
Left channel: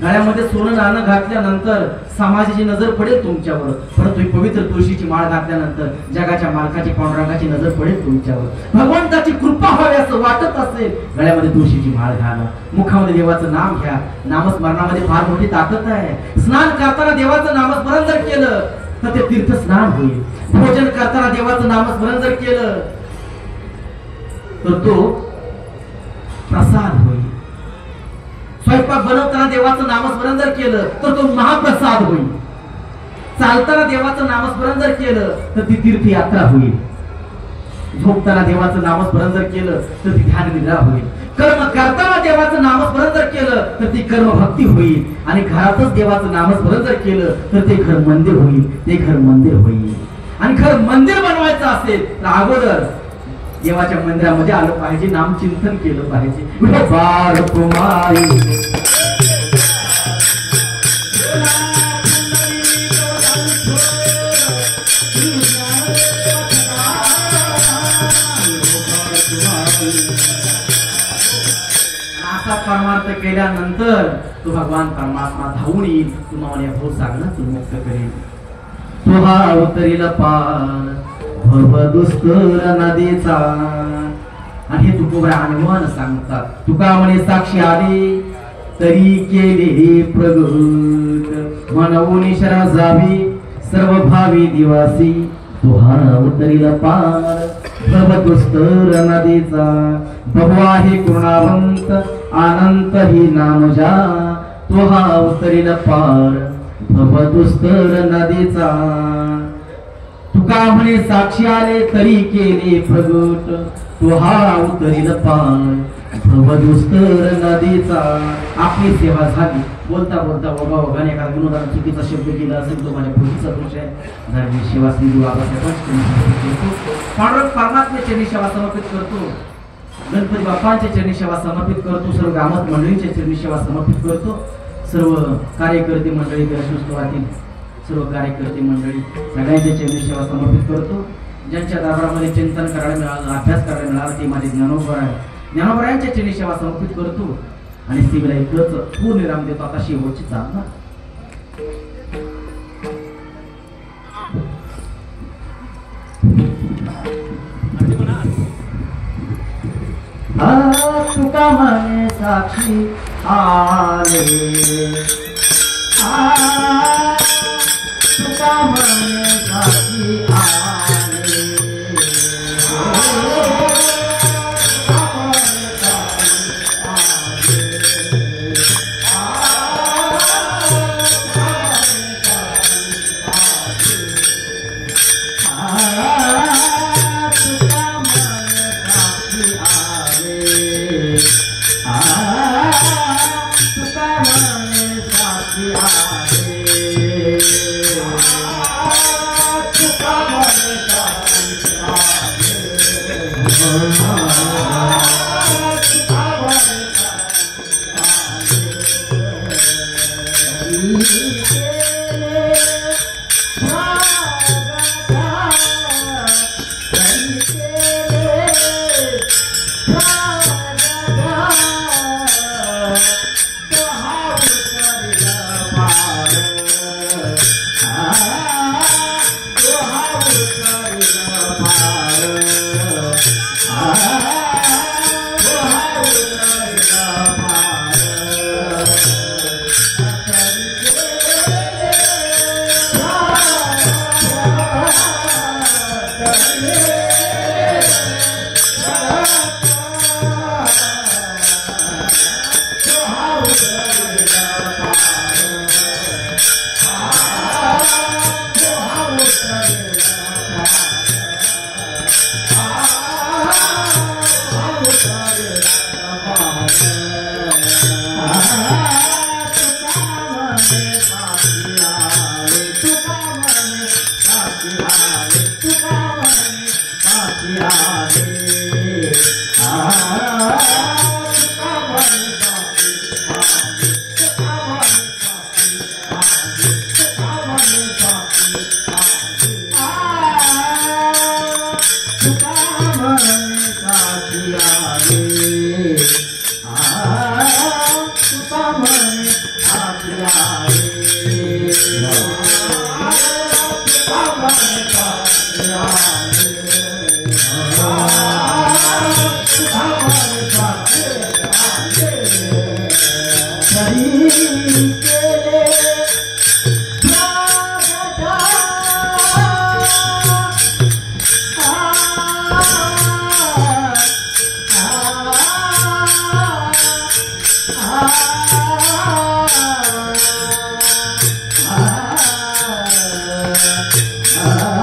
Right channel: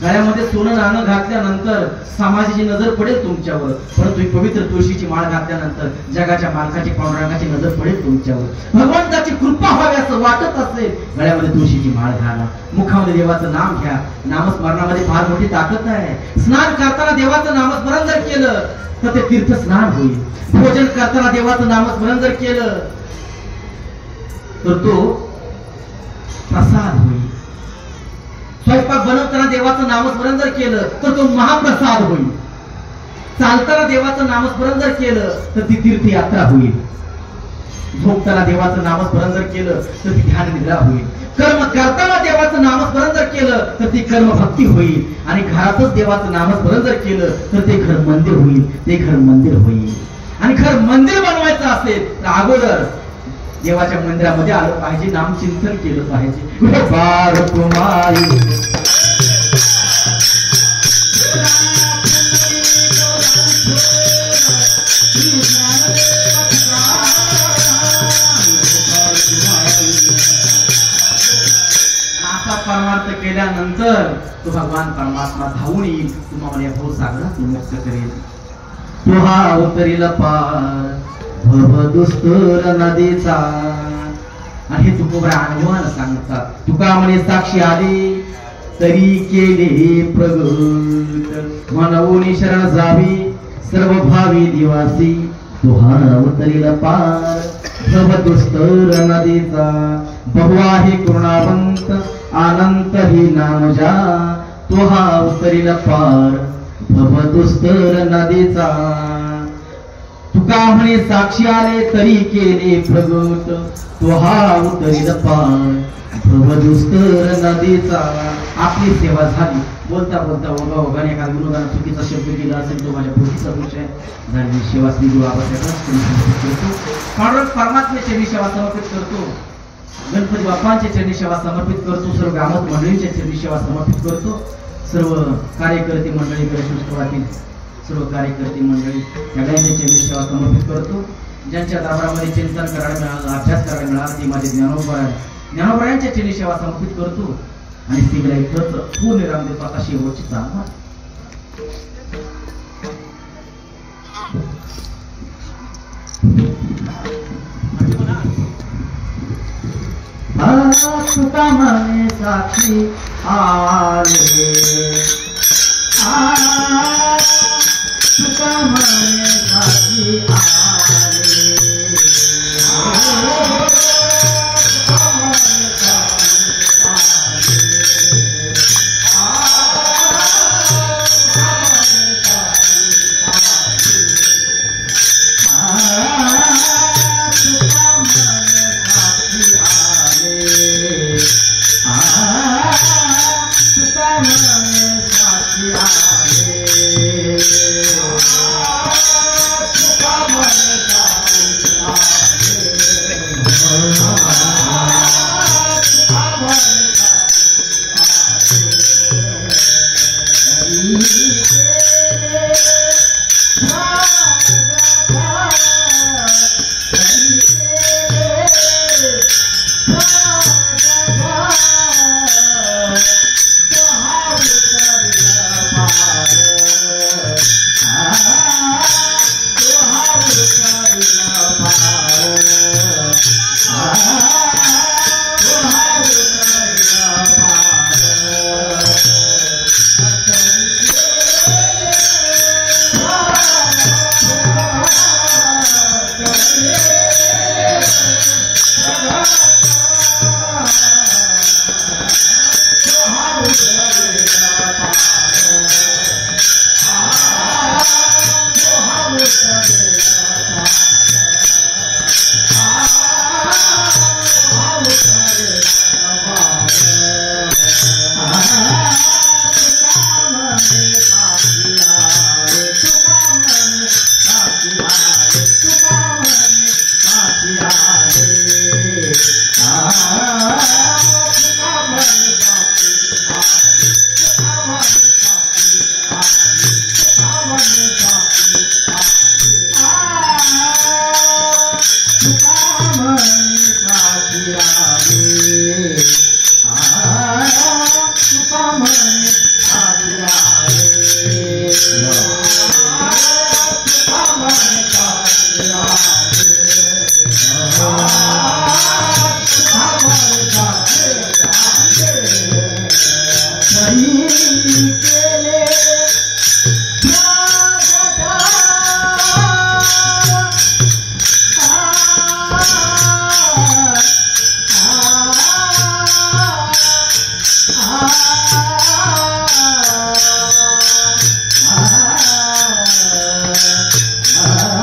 गळ्यामध्ये सोनं नाणं घातल्यानंतर समाजाची नजर पडेल तुमच्यावर, परंतु पवित्र तुळशीची माळ घातल्यानंतर जगाच्या मालकाची पांडुरंगाची नजर पडेल तुमच्यावर. भगवंताची कृपा व्हावी असं वाटत असेल, गळ्यामध्ये तुळशीची माळ घाला. मुखामध्ये देवाचं नाम घ्या. नामस्मरणामध्ये फार मोठी ताकद आहे. स्नान करताना देवाचं नामस्मरण जर केलं तर ते तीर्थ स्नान होईल. भोजन करताना देवाचं नामस्मरण जर केलं तर तो प्रसाद होईल. स्वयंपाक बनवताना देवाचं नामस्मरण जर केलं तर तो महाप्रसाद होईल. चालताना देवाचं नामस्मरण जर केलं तर ती तीर्थयात्रा होईल. झोपताना देवाचं नामस्मरण जर केलं तर ती ध्यान निद्रा होईल. कर्म करताना देवाचं नामस्मरण जर केलं तर ती कर्म भक्ती होईल. आणि घरातच देवाचं नामस्मरण जर केलं तर ते घर मंदिर होईल. आणि घर मंदिर बनवायचं असेल तर अगोदर देवाच्या मंदिरामध्ये आलं पाहिजे, नामचिंतन केलं पाहिजे. असा परमार्थ केल्यानंतर तो भगवान परमात्मा धावून येईल, तुम्हाला या भवसागरात मुक्त करेल. तो हा अवतरील पार भवदुस्तर नदीचा. आणि हे तुकोबरा अनुभवानं सांगतात. तुका म्हणे साक्षी आली तरी केले प्रगट, म्हणून शरण जावी सर्व भावी दिवासी. तो हा अवतरील पार भवदुस्तर नदीचा. बहु आहे पूर्णावंत अनंत ही नाम जा. तो हा अवतरील पार भवदुस्तर नदीचा. तुका म्हणे साक्षी आले तरी केले प्रगट, तो हा अवतरील पार भवदुस्तर नदीचा. आपली सेवा झाली. बोलता ओघाने एका गुरुदान चुकीचा शब्द केला असेल तो माझ्या पुढचा दोष आहे. झाली सेवा श्री गुरु पांडुरंग परमात्म्याच्या चरणी सेवा समर्पित करतो. गणपती बाप्पांच्या चरणी सेवा समर्पित करतो. सर्व गावात मंडळींच्या चरणी सेवा समर्पित करतो. सर्व कार्यकर्ते मंडळी गणेशोत्सवातील सर्व कार्यकर्ते मंडळी सगळ्यांच्या चरणी सेवा समर्पित करतो. ज्यांच्या दाबरामध्ये चिंतन करायला मिळालं, अभ्यास करायला मिळाला ते माझे ज्ञानोबा आहे. ज्ञानोबरायांच्या चरणी सेवा समर्पित करतो. आणि स्त्रीला इकडच पूर्ण विराम देतो. आता शेवटची चालणार तुका म्हणे साक्षी आले, तुका म्हणे साक्षी आले. Come on. Ah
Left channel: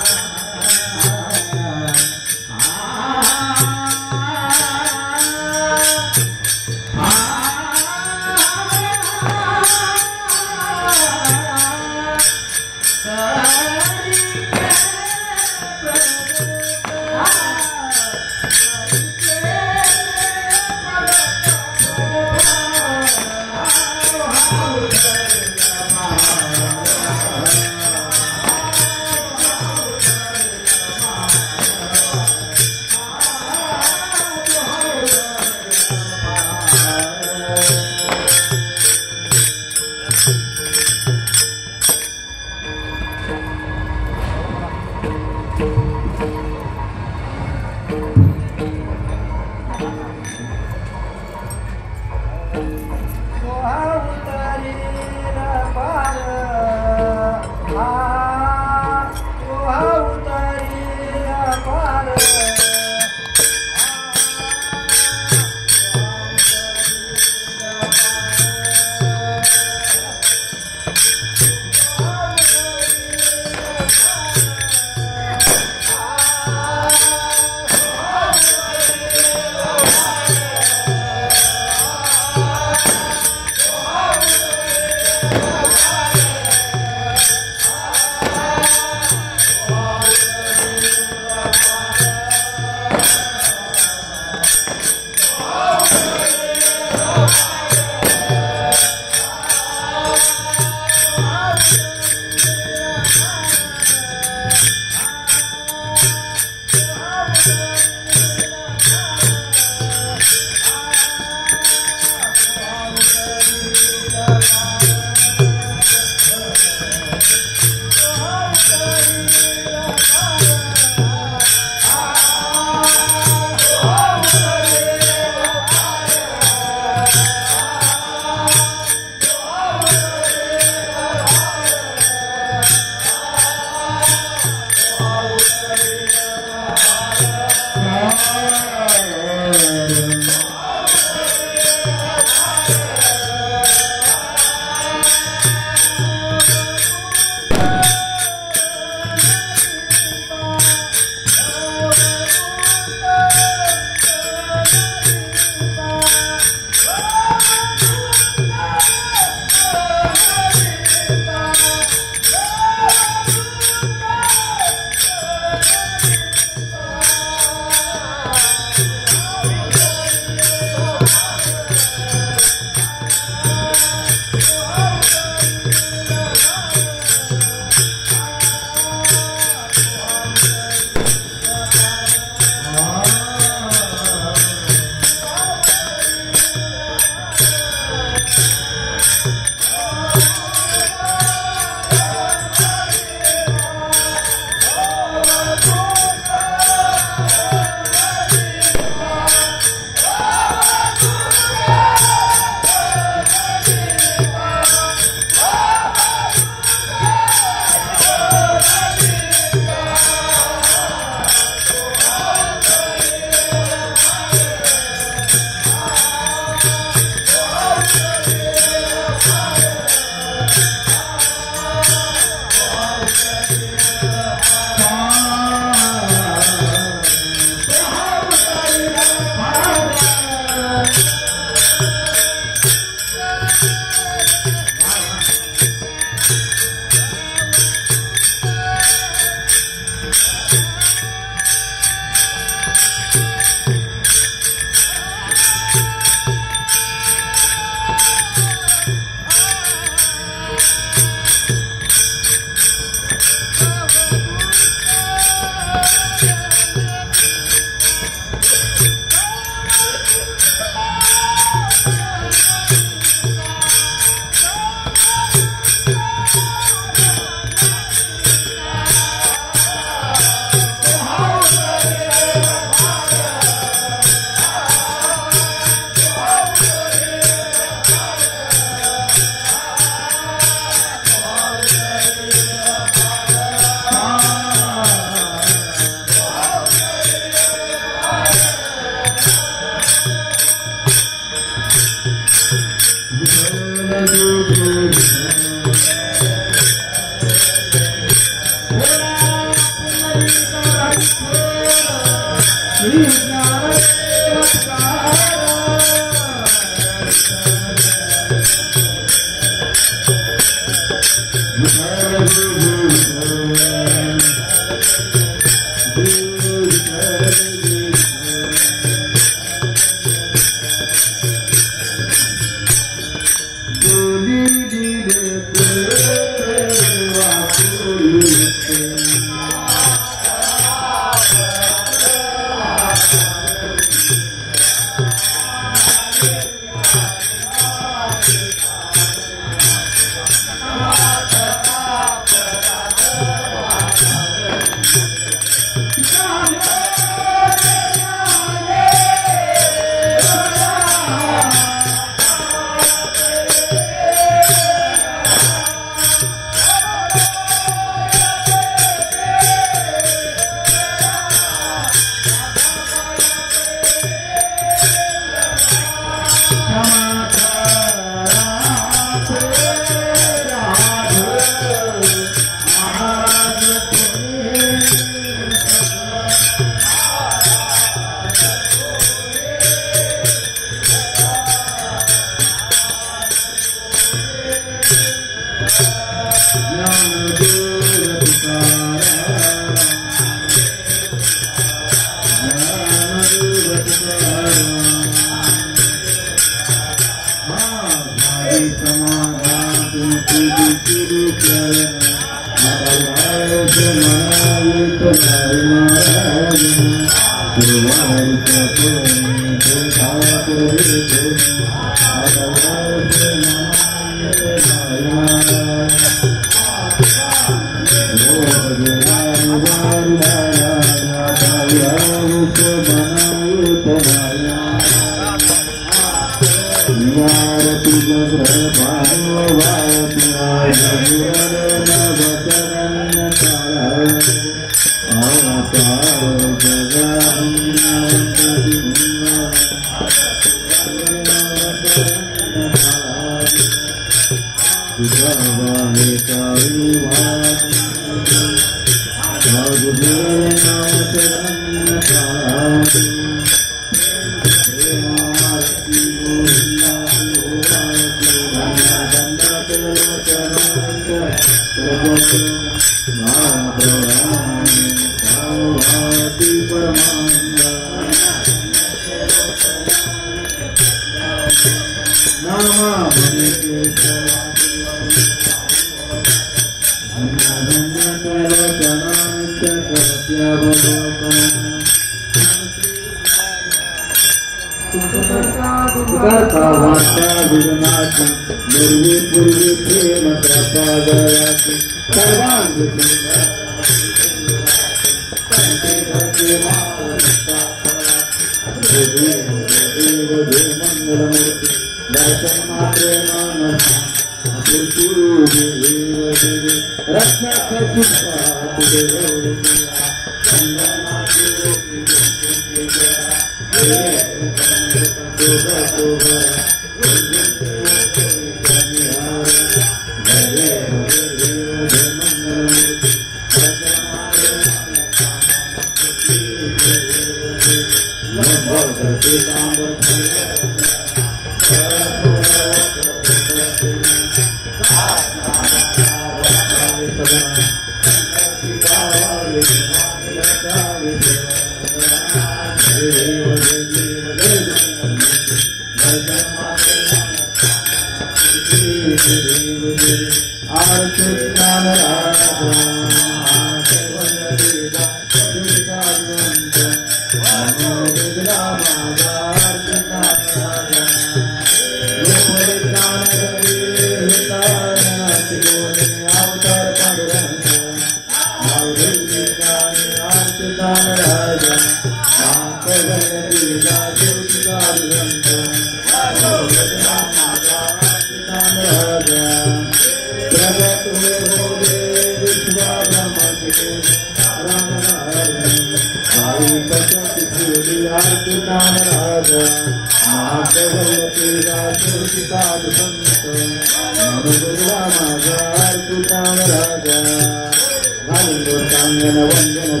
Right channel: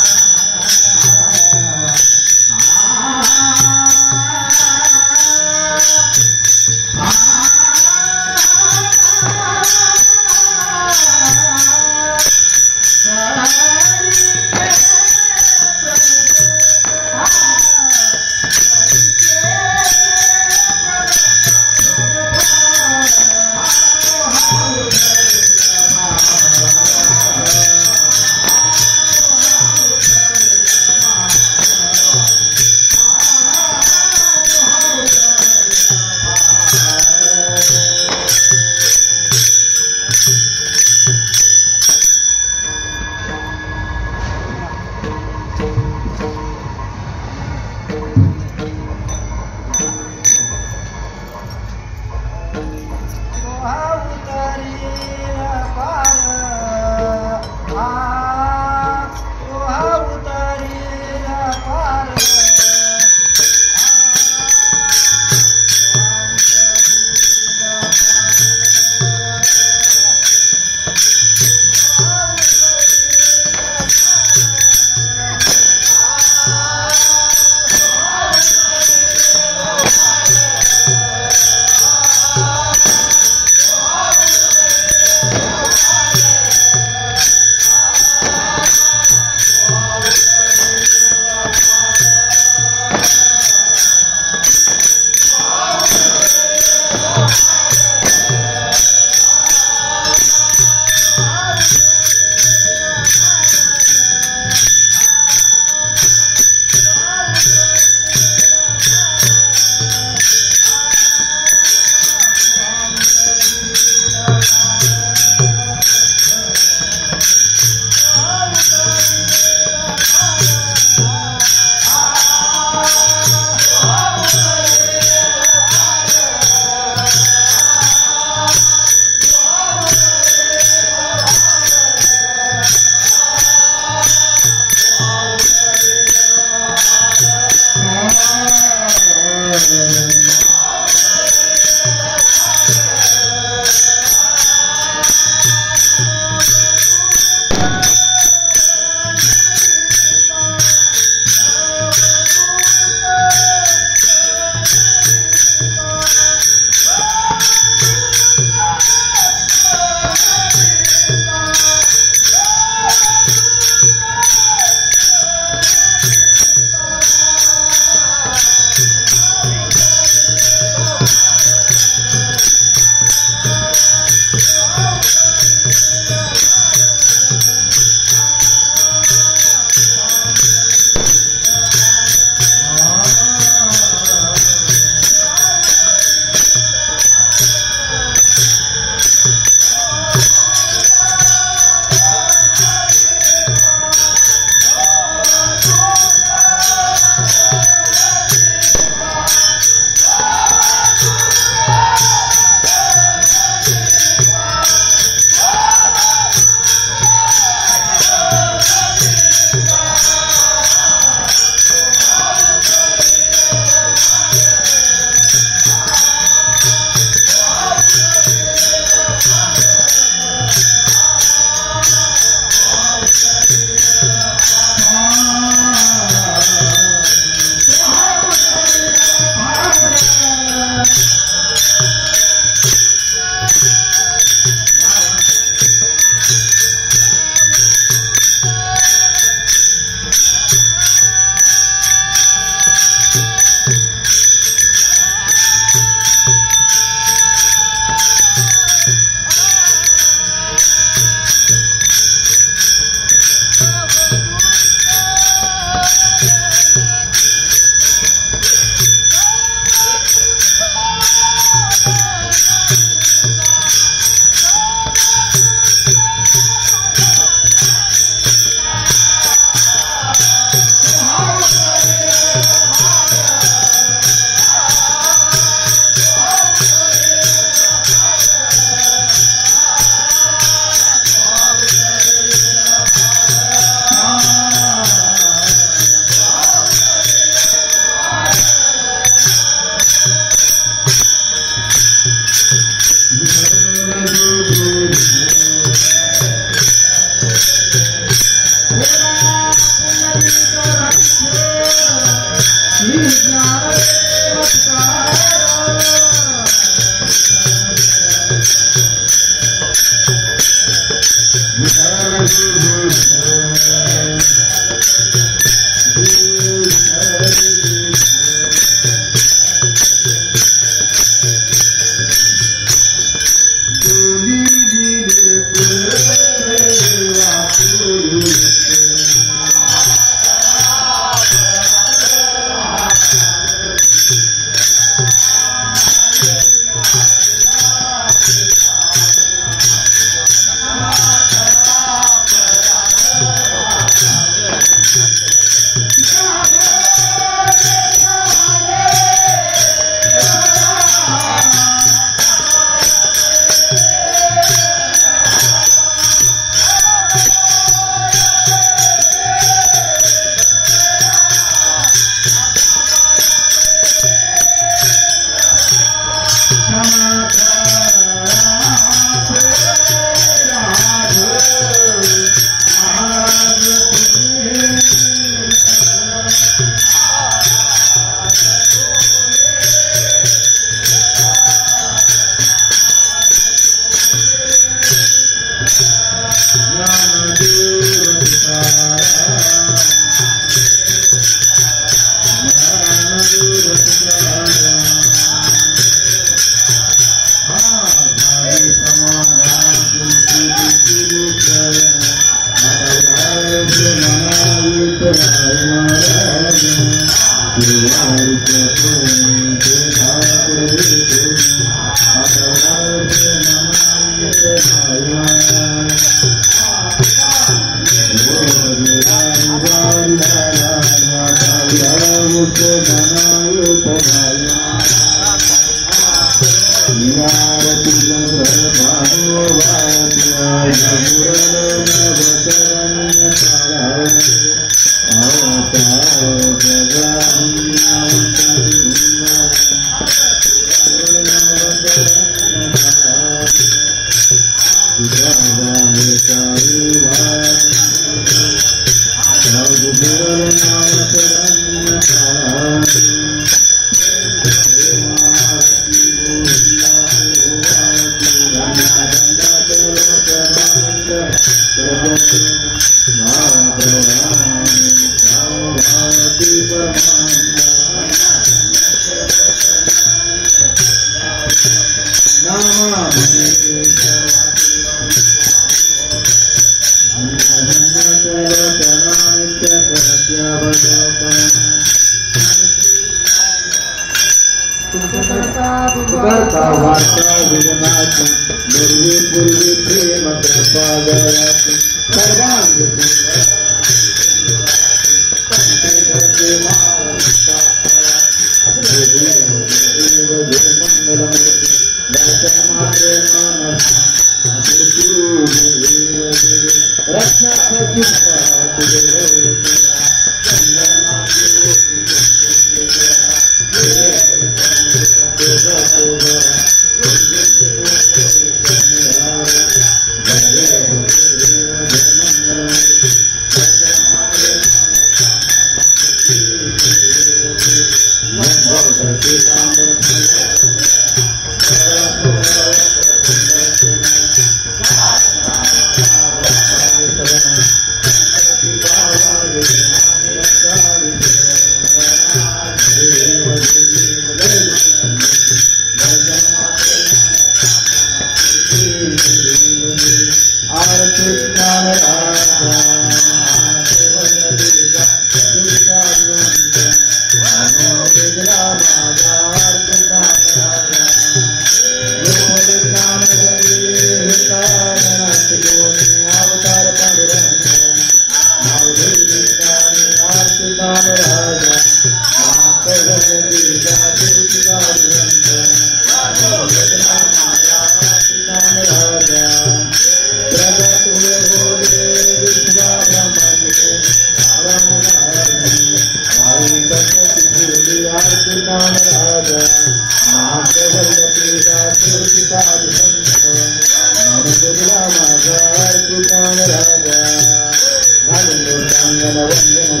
Vangana Vangana Vangana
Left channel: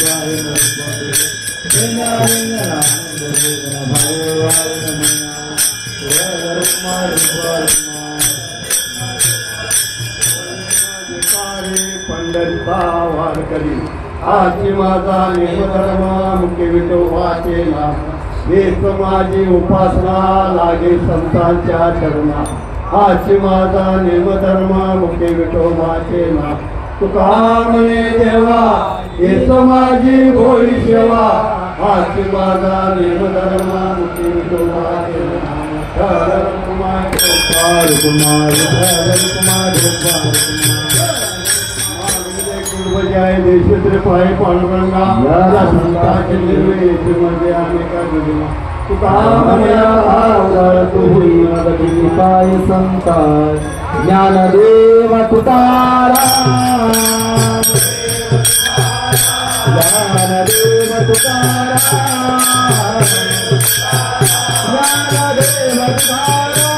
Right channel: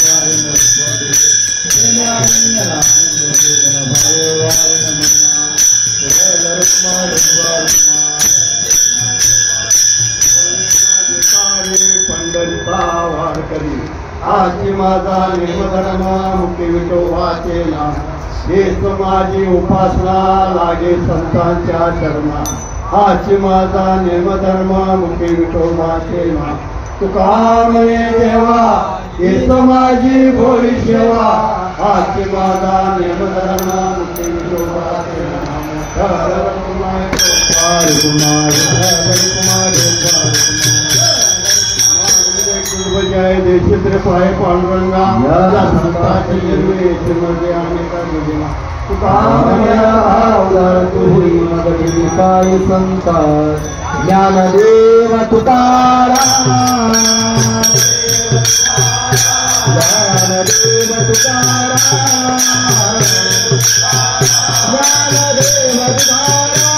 Vangana Vangana पंढरीचा वारकरी आजी माझा नेमधर्म मुके विटो वाचेना हेच माझी उपासना लागे संतांच्या चरणा आजी माझा नेमधर्म मुके विटो वाचेना तुका म्हणे देवा हेच माझी भोळी सेवा आजी माझा नेमधर्म मुके विटो वाचेना कुमार कुमार कुमार जय देशेंद्र पाय पांडुरंगा या संतांचे निर्वेद मध्ये अनेका जोडीला तुका अवतार तू होई मदती पाय संता ज्ञानदेव तुकाराम ज्ञानदेव तुकाराम ज्ञानदेव तुकाराम